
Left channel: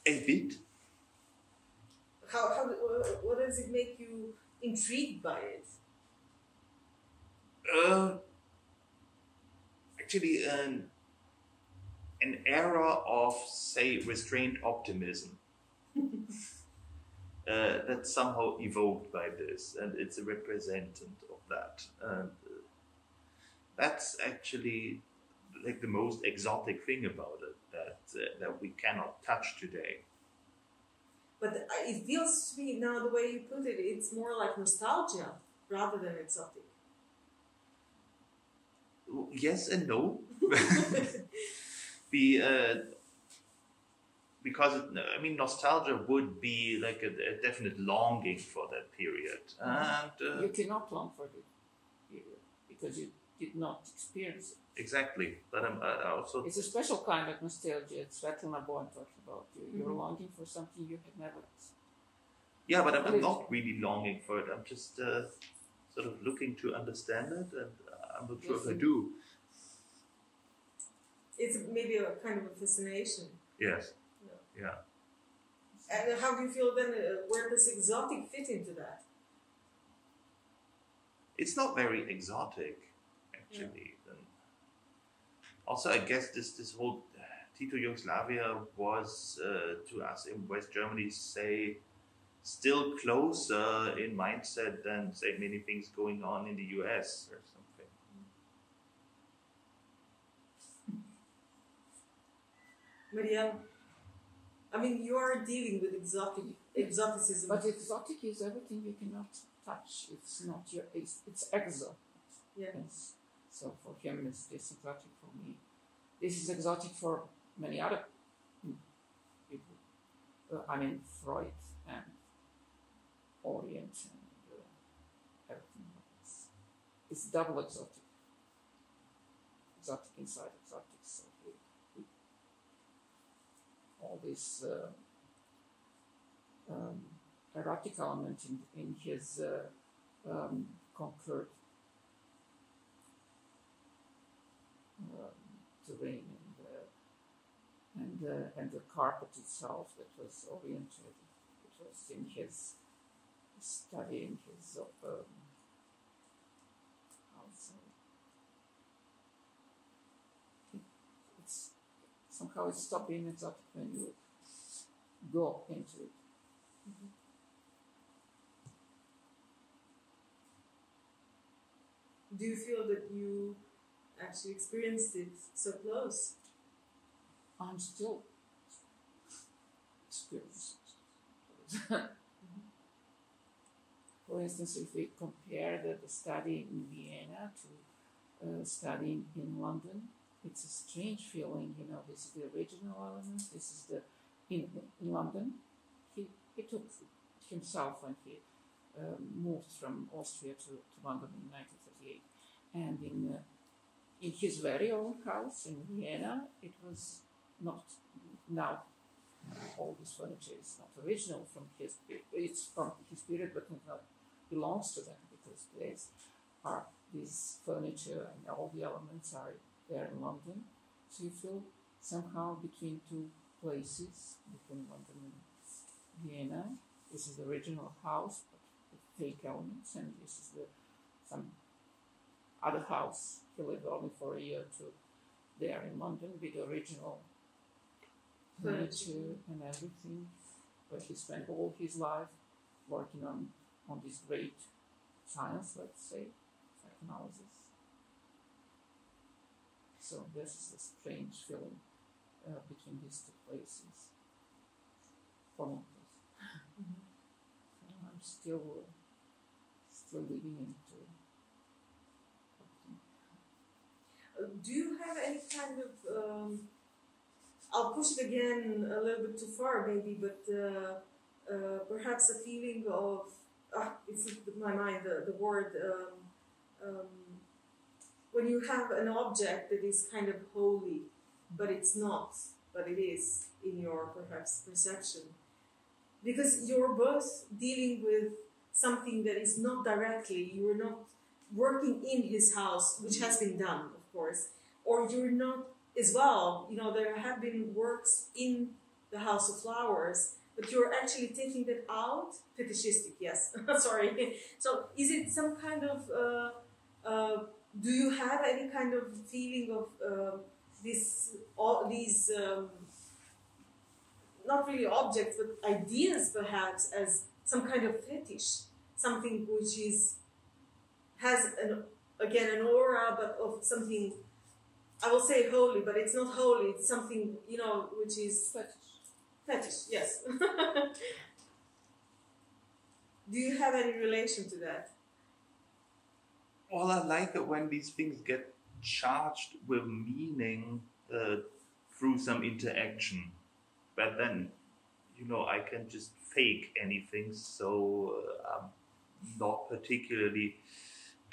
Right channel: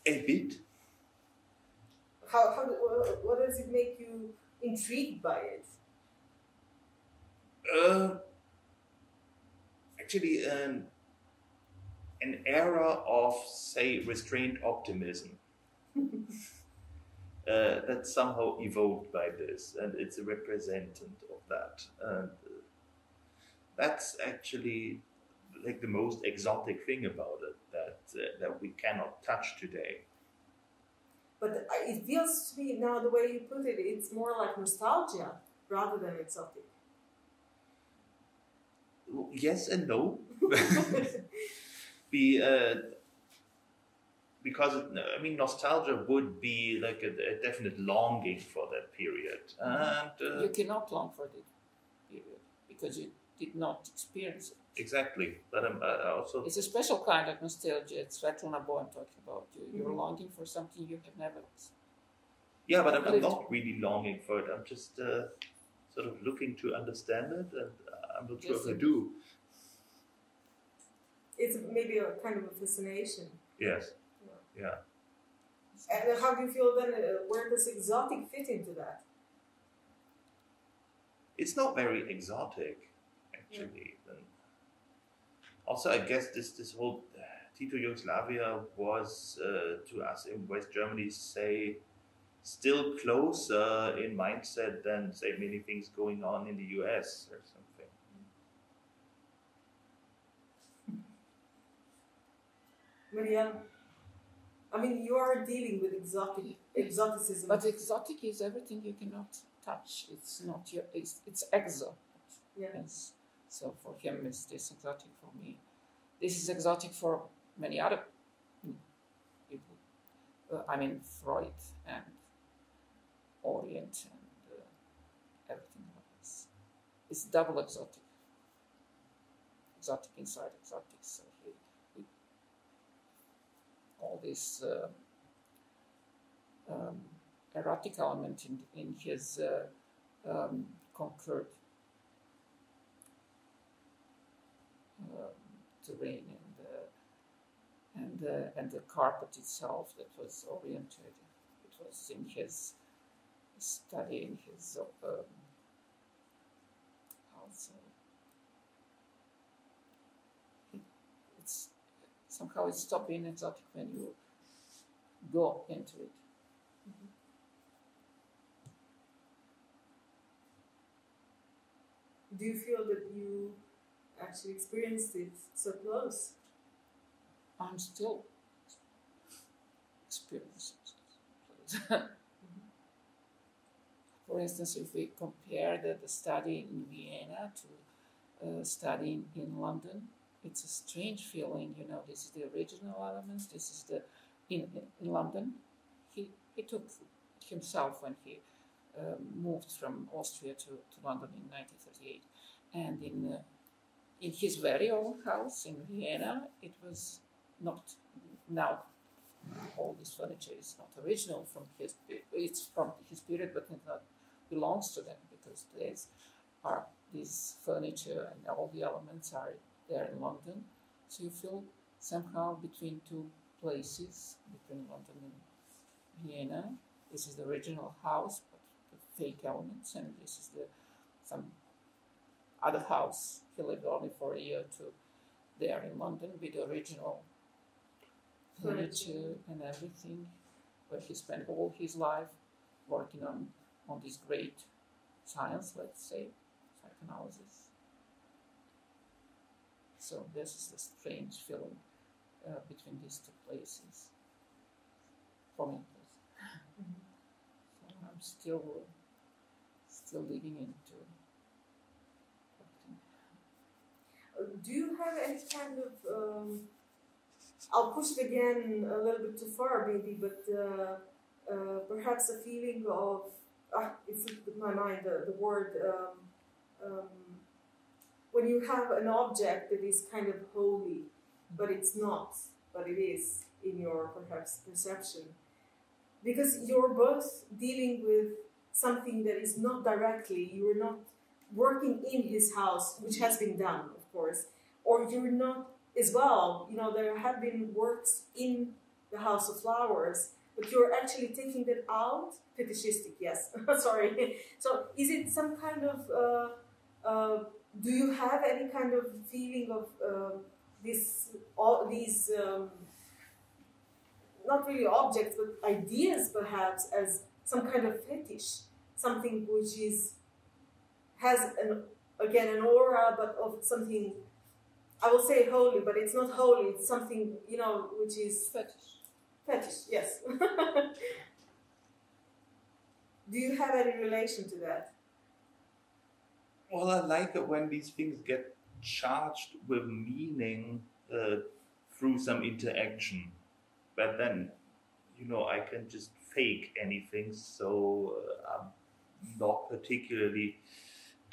A bit. What does it make you intrigued by it? Actually, an era of, say, restrained optimism that's somehow evoked by this, and it's a representative of that. And that's actually like the most exotic thing about it, that we cannot touch today. But it feels to me now, the way you put it, it's more like nostalgia rather than exotic. Yes and no. Because nostalgia would be like a definite longing for that period, and you cannot long for that period because you did not experience it. Exactly, but also it's a special kind of nostalgia. It's Svetlana Bojan talking about. You're longing for something you have never. Yeah, but I'm not really longing for it. I'm just sort of looking to understand it, and I'm not sure if I do. It's maybe a kind of a fascination. Yes. Yeah. And how do you feel then? Where does exotic fit into that? It's not very exotic, actually. Yeah. And also, I guess this whole Tito Yugoslavia was to us in West Germany, say, still closer in mindset than, say, many things going on in the US or something. Maria, I mean, you are dealing with exoticism. But exotic is everything you cannot touch. It's not it's exo. Yeah. Yes. So for him, it's this exotic. For me, this is exotic for many other people. I mean, Freud and Orient and everything else. It's double exotic. Exotic inside, exotic. So all this erotic element in his conquered terrain and the carpet itself that was oriented. It was in his study, in his somehow it stopped being exotic when you go into it. Mm-hmm. Do you feel that you actually experienced it so close? I'm still experiencing it. For instance, if we compare the study in Vienna to studying in London, it's a strange feeling, you know. This is the original element. This is the in London. He took himself when he moved from Austria to London in 1938, and in his very own house in Vienna, it was not now. All this furniture is not original from his. It's from his period, but it not belongs to them because these furniture and all the elements are there in London, so you feel somehow between two places, between London and Vienna. This is the original house, but with fake elements, and this is some other house. He lived only for a year or two there in London with the original furniture and everything, where he spent all his life working on this great science, let's say, psychoanalysis. So this is the strange feeling between these two places for me. Mm-hmm. So I'm still living into. Do you have any kind of? I'll push it again a little bit too far, maybe, but perhaps a feeling of it's in my mind the word. When you have an object that is kind of holy, but it's not, but it is in your perhaps perception. Because you're both dealing with something that is not directly, you are not working in his house, which has been done, of course, or you're not as well, you know, there have been works in the House of Flowers, but you're actually taking that out, fetishistic, yes, sorry. So is it some kind of, do you have any kind of feeling of these not really objects, but ideas perhaps as some kind of fetish, something which has an aura, but of something, I will say holy, but it's not holy, it's something, you know, which is fetish, yes. Do you have any relation to that? Well, I like it when these things get charged with meaning through some interaction. But then, you know, I can just fake anything, so I'm not particularly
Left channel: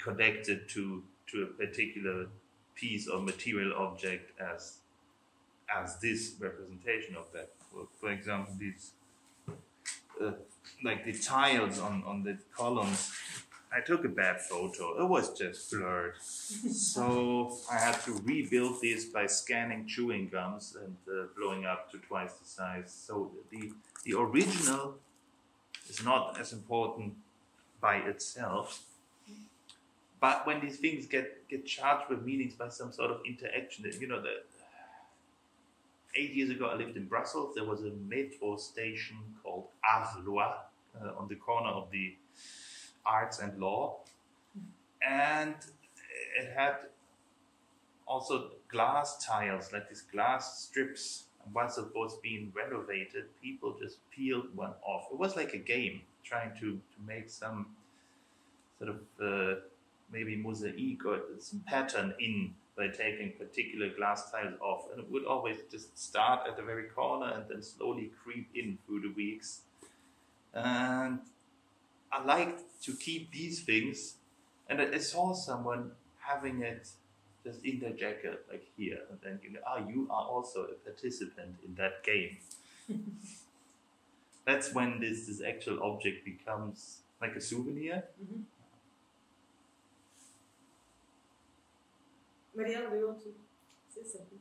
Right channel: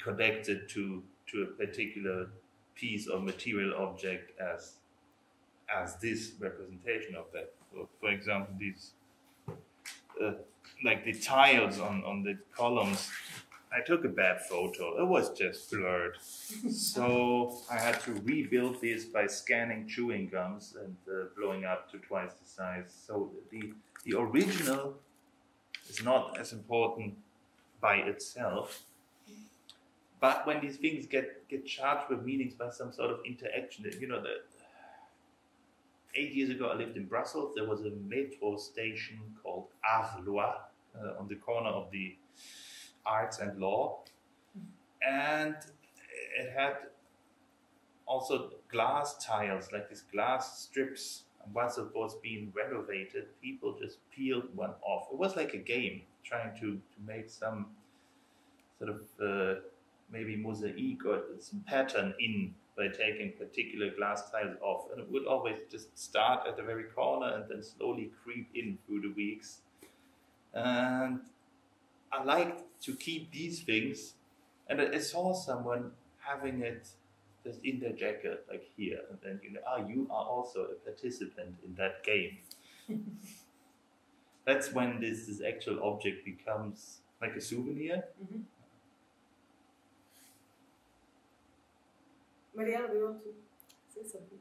connected to a particular piece or material object as this representation of that. For example, these like the tiles on the columns. I took a bad photo. It was just blurred. So I had to rebuild this by scanning chewing gums and blowing up to twice the size. So the original is not as important by itself. But when these things get charged with meanings by some sort of interaction, you know, 8 years ago I lived in Brussels. There was a metro station called Arlois on the corner of the Arts and Law, and it had also glass tiles, like these glass strips. And once it was being renovated, people just peeled one off. It was like a game, trying to make some sort of maybe mosaic or some pattern in by taking particular glass tiles off, and it would always just start at the very corner and then slowly creep in through the weeks. And I liked to keep these things, and I saw someone having it just in their jacket, like here, and then you are also a participant in that game. That's when this actual object becomes like a souvenir. Mm-hmm. Mariela, do you want to say something?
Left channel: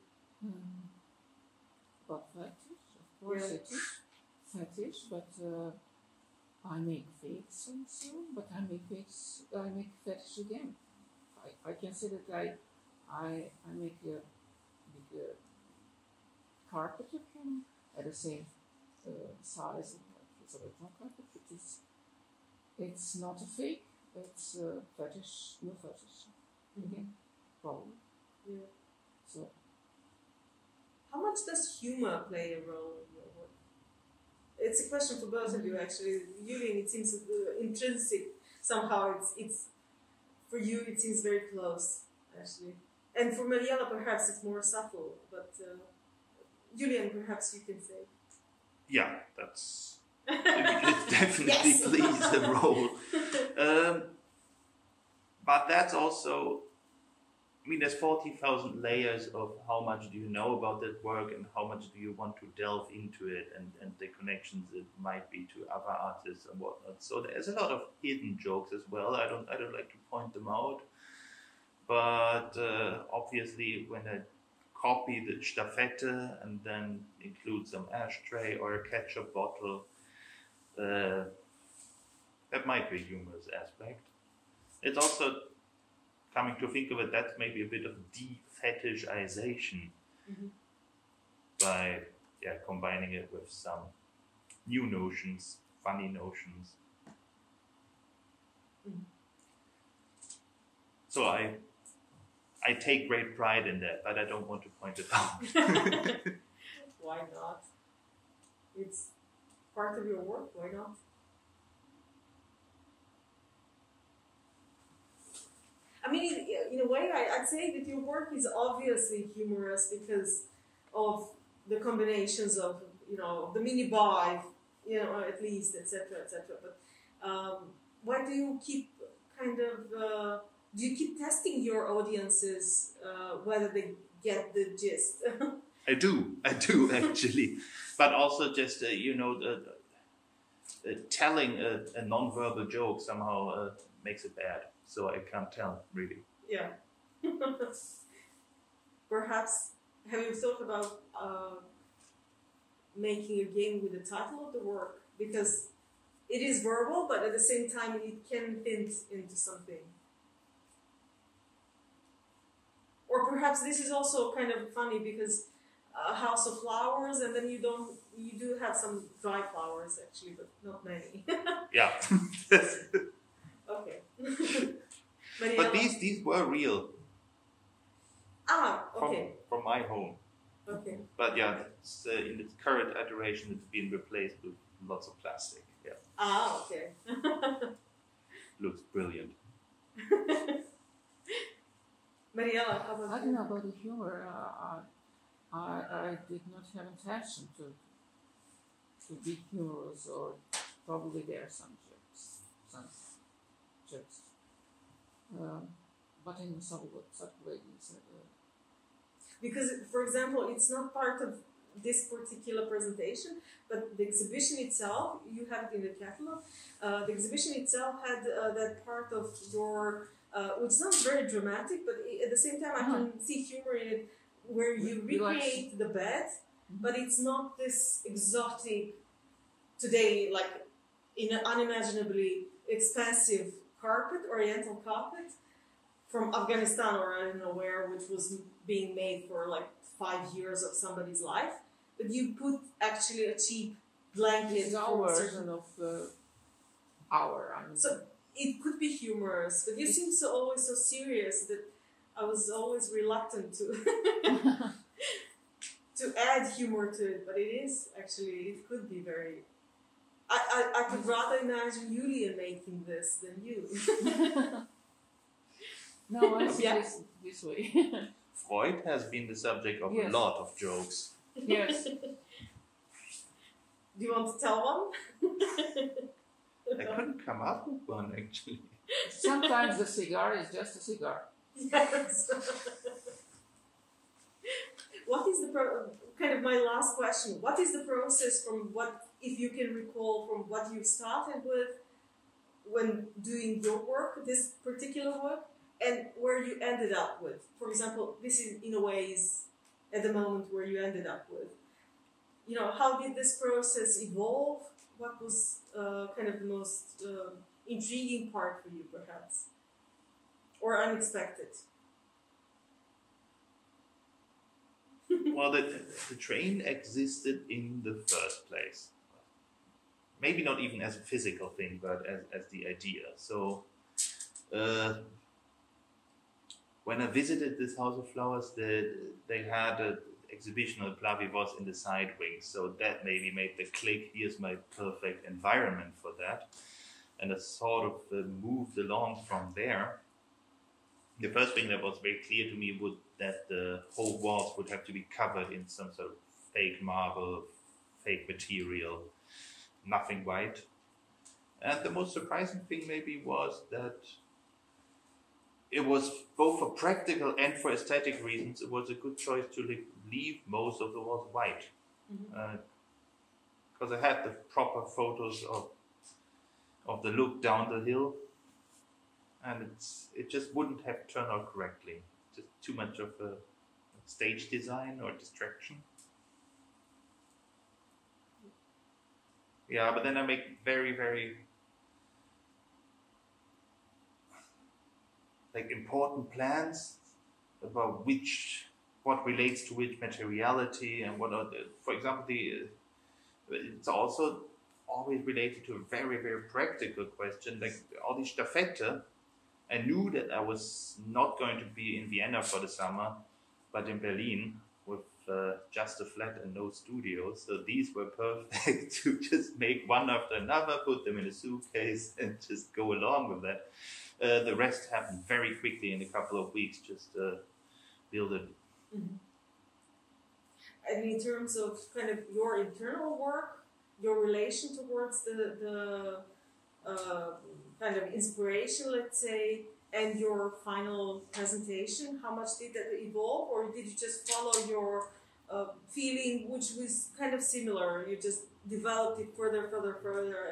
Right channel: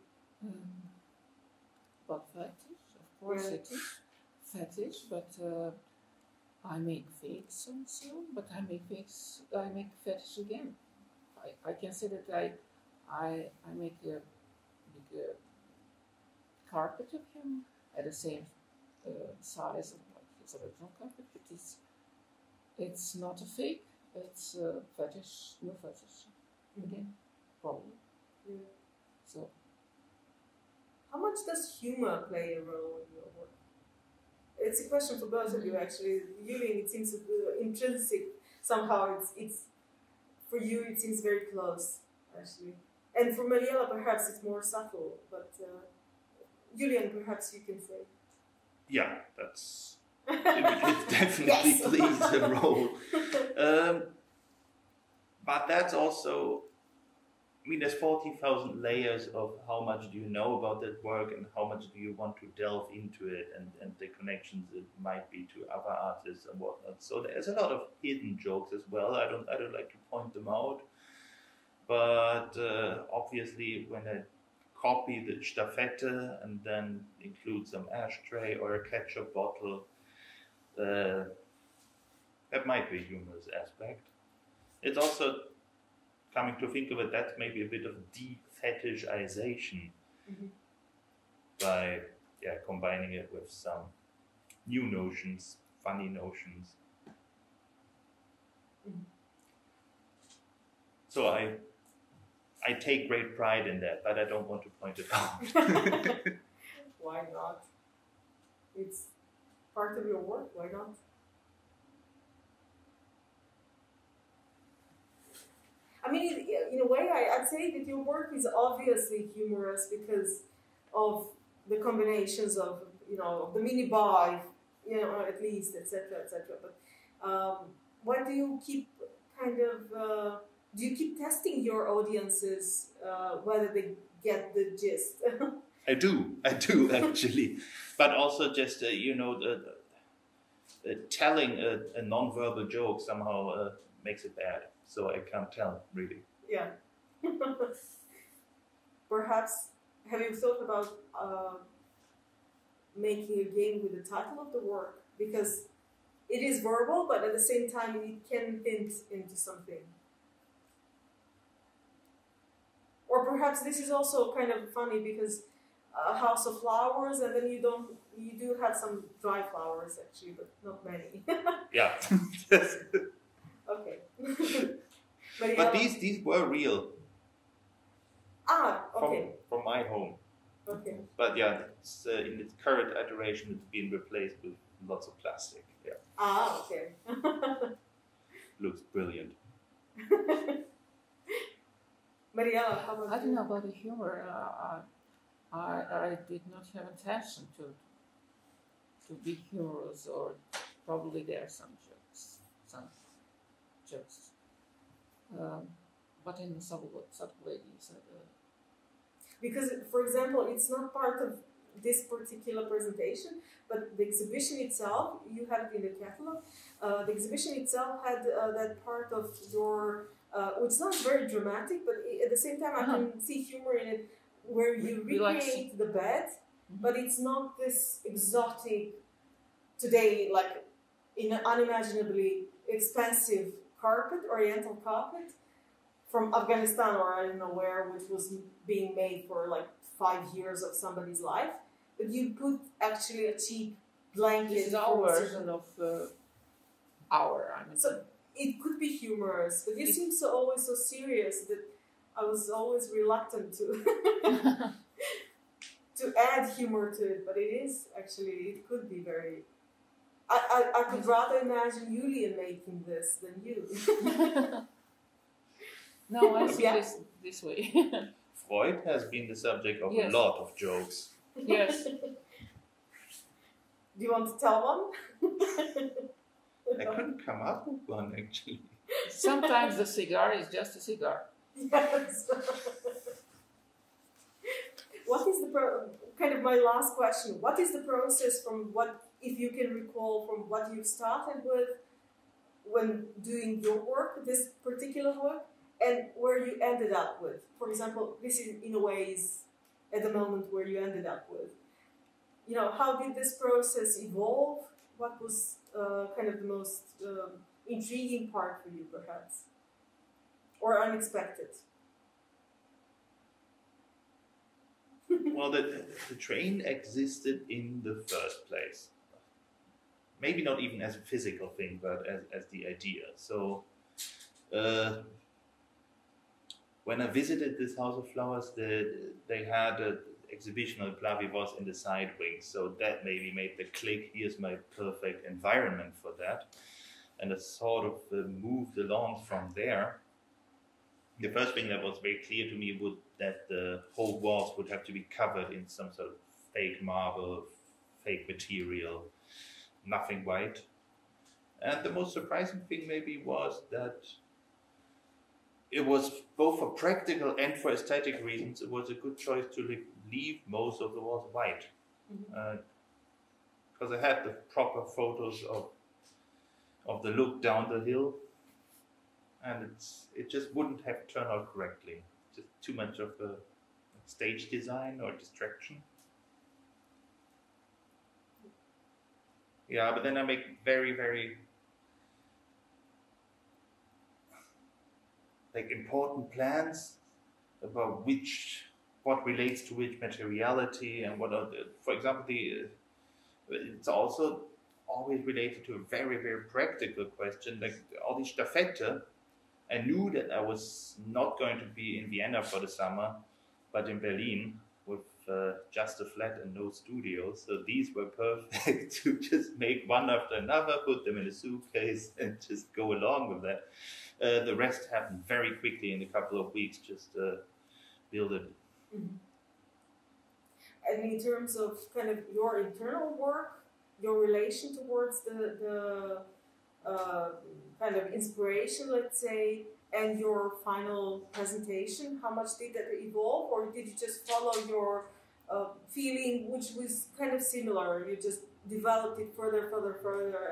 About fetish, of course it is fetish, but I make fakes also, but I make fetish again. I can say that I make a big carpet of him at the same size like his original carpet, but it's not a fake, it's a fetish, no fetish again, probably. Yeah. So, how much does humor play a role in your work? It's a question for both of you, actually. Julian, it seems intrinsic. Somehow, it's for you. It seems very close, actually. And for Mariela, perhaps it's more subtle. But Julian, perhaps you can say. Yeah, that's it definitely plays a role. But that's also, I mean, there's 40,000 layers of how much do you know about that work and how much do you want to delve into it, and the connections it might be to other artists and whatnot. So there's a lot of hidden jokes as well. I don't like to point them out, but obviously when I copy the Staffette and then include some ashtray or a ketchup bottle, that might be a humorous aspect. It's also, coming to think of it, that's maybe a bit of de-fetishization by combining it with some new notions, funny notions. So I take great pride in that, but I don't want to point it out. Why not? It's part of your work, why not? I mean, in a way, I'd say that your work is obviously humorous because of the combinations of, the mini-buy, at least, etc., etc. But why do you keep do you keep testing your audiences whether they get the gist? I do actually, but also just telling a non-verbal joke somehow makes it bad, so I can't tell really. Yeah. Perhaps have you thought about making a game with the title of the work, because it is verbal, but at the same time it can hint into something. Or perhaps this is also kind of funny because a house of flowers, and then you do have some dry flowers actually, but not many. Yeah. Okay. But these were real. Ah, okay. From my home. Okay. But yeah, it's, in its current iteration, it's been replaced with lots of plastic. Yeah. Ah, okay. Looks brilliant. Mariela, how about I don't know about the humor. I did not have intention to be humorous, or probably there are some jokes. But in some ways. Because, for example, it's not part of this particular presentation, but the exhibition itself, you have it in the catalog. The exhibition itself had that part of your, which sounds very dramatic, but at the same time I can see humor in it, where you recreate the bed, but it's not this exotic, today, like in an unimaginably expensive carpet, oriental carpet, from Afghanistan or I don't know where, which was being made for like 5 years of somebody's life. But you put actually a cheap blanket. It's our version of our. I mean, so it could be humorous, but you seem always so serious that I was always reluctant to to add humor to it. But it is actually, it could be very. I could rather imagine Julian making this than you. No, I see this way. Freud has been the subject of a lot of jokes. Yes. Do you want to tell one? I couldn't come up with one, actually. Sometimes the cigar is just a cigar. Yes. What is the kind of my last question? What is the process from what, if you can recall, from what you started with when doing your work, this particular work, and where you ended up with? For example, this is in a way is at the moment where you ended up with. You know, how did this process evolve? What was kind of the most intriguing part for you, perhaps, or unexpected? Well, the train existed in the first place. Maybe not even as a physical thing, but as the idea. So when I visited this House of Flowers, they had an exhibition of Plavivos in the side wings. So that maybe made the click, here's my perfect environment for that. And I sort of moved along from there. The first thing that was very clear to me was that the whole walls would have to be covered in some sort of fake marble, fake material, nothing white. And the most surprising thing maybe was that it was both for practical and for aesthetic reasons, it was a good choice to leave most of the walls white. Because I had the proper photos of the look down the hill. And it just wouldn't have turned out correctly. Just too much of a stage design or distraction. Yeah, but then I make very, very important plans about what relates to which materiality and what are the, for example, it's also always related to a very, very practical question, like all these Staffette. I knew that I was not going to be in Vienna for the summer, but in Berlin with just a flat and no studio. So these were perfect to just make one after another, put them in a suitcase and just go along with that. The rest happened very quickly in a couple of weeks, just build it. Mm-hmm. And in terms of kind of your internal work, your relation towards the kind of inspiration, let's say, and your final presentation, how much did that evolve, or did you just follow your feeling, which was kind of similar? You just developed it further,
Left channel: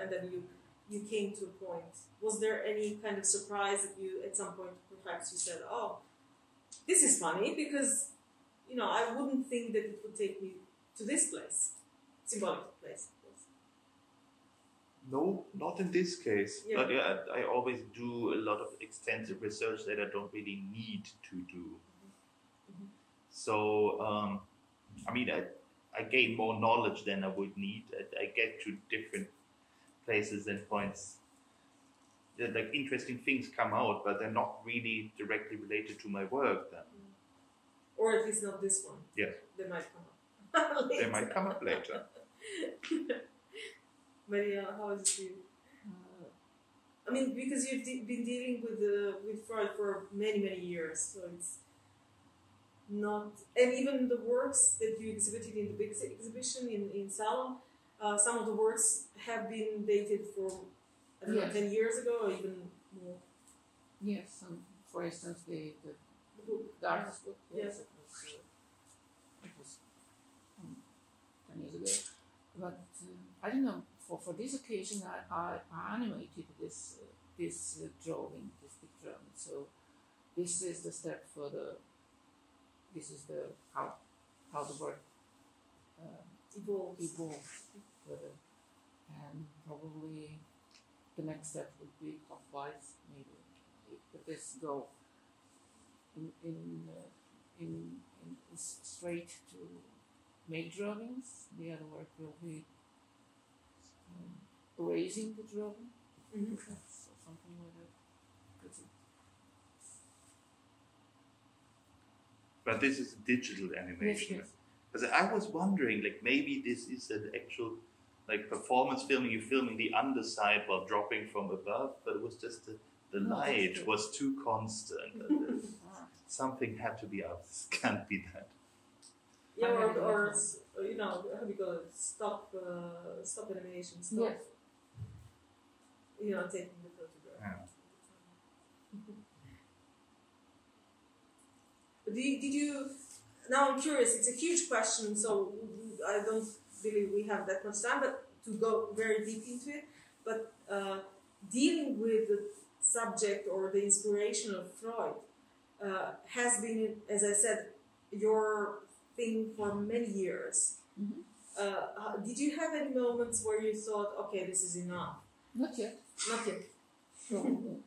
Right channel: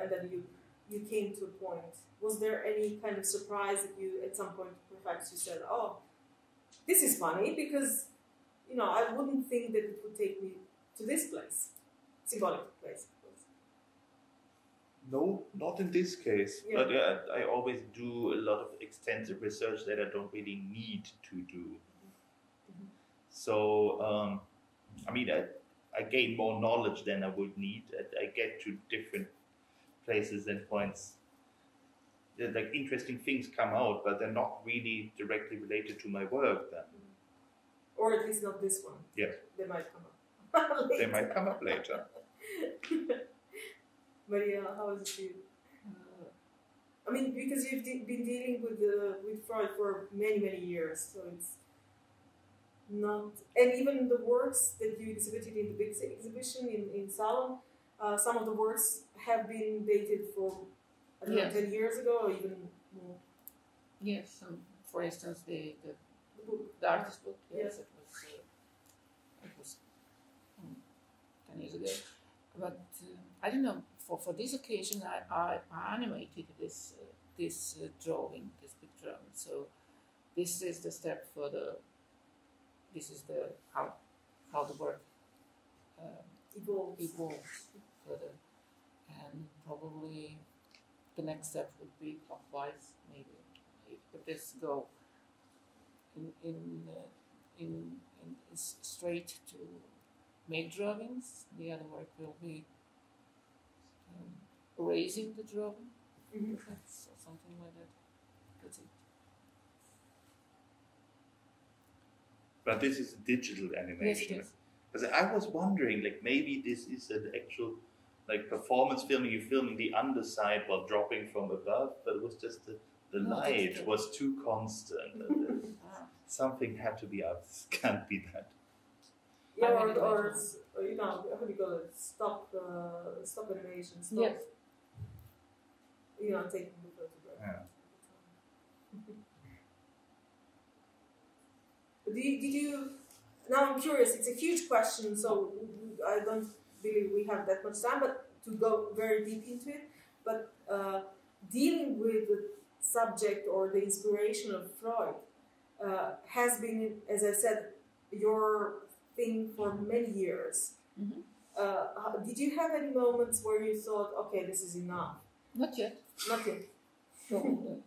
and then you came to a point. Was there any kind of surprise that you, at some point, perhaps you said, "Oh, this is funny," because I wouldn't think that it would take me to this place, symbolical place. No, not in this case. Yeah. But yeah, I always do a lot of extensive research that I don't really need to do. Mm-hmm. So, I gain more knowledge than I would need. I get to different places and points. Like interesting things come out, but they're not really directly related to my work then. Or at least not this one. Yes. They might come up. They might come up later. Mariela, how is it for you? Because you've been dealing with Freud for many years, so it's not. And even the works that you exhibited in the big exhibition in Salon, some of the works have been dated for 10 years ago, or even more. Yes, for instance, the artist book. Yes, it was 10 years ago. But I don't know. For this occasion, I animated this drawing, this big drawing. So this is the step for this is the how the work evolves further, and probably the next step would be clockwise. Maybe if this go in straight to make drawings, the other work will be erasing the drawing, perhaps, or something like that. But this is digital animation. Yes. Because I was wondering, maybe this is an actual, performance filming. You're filming the underside while dropping from above, but it was just the light was too constant. something had to be out. This can't be that. Yeah, or you know, how do you call it? Stop animation. Stop. Yes. You know, taking the photograph. Yeah. Did you? Now I'm curious. It's a huge question, so I don't believe we have that much time, but to go very deep into it. But dealing with the subject or the inspiration of Freud has been, as I said, your thing for many years. Mm-hmm. Did you have any moments where you thought, okay, this is enough? Not yet. Not yet. No,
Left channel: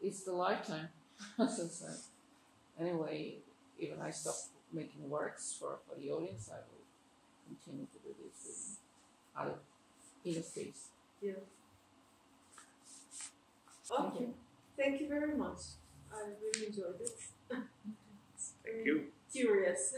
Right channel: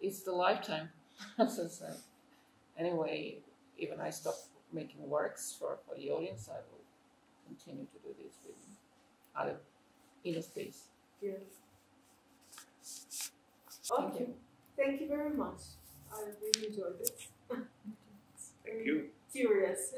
it's the lifetime. So, anyway, even I stopped making works for the audience, I will continue to do this with other inner space. Yeah. Okay. Thank you very much. I really enjoyed it. Thank you. Curious.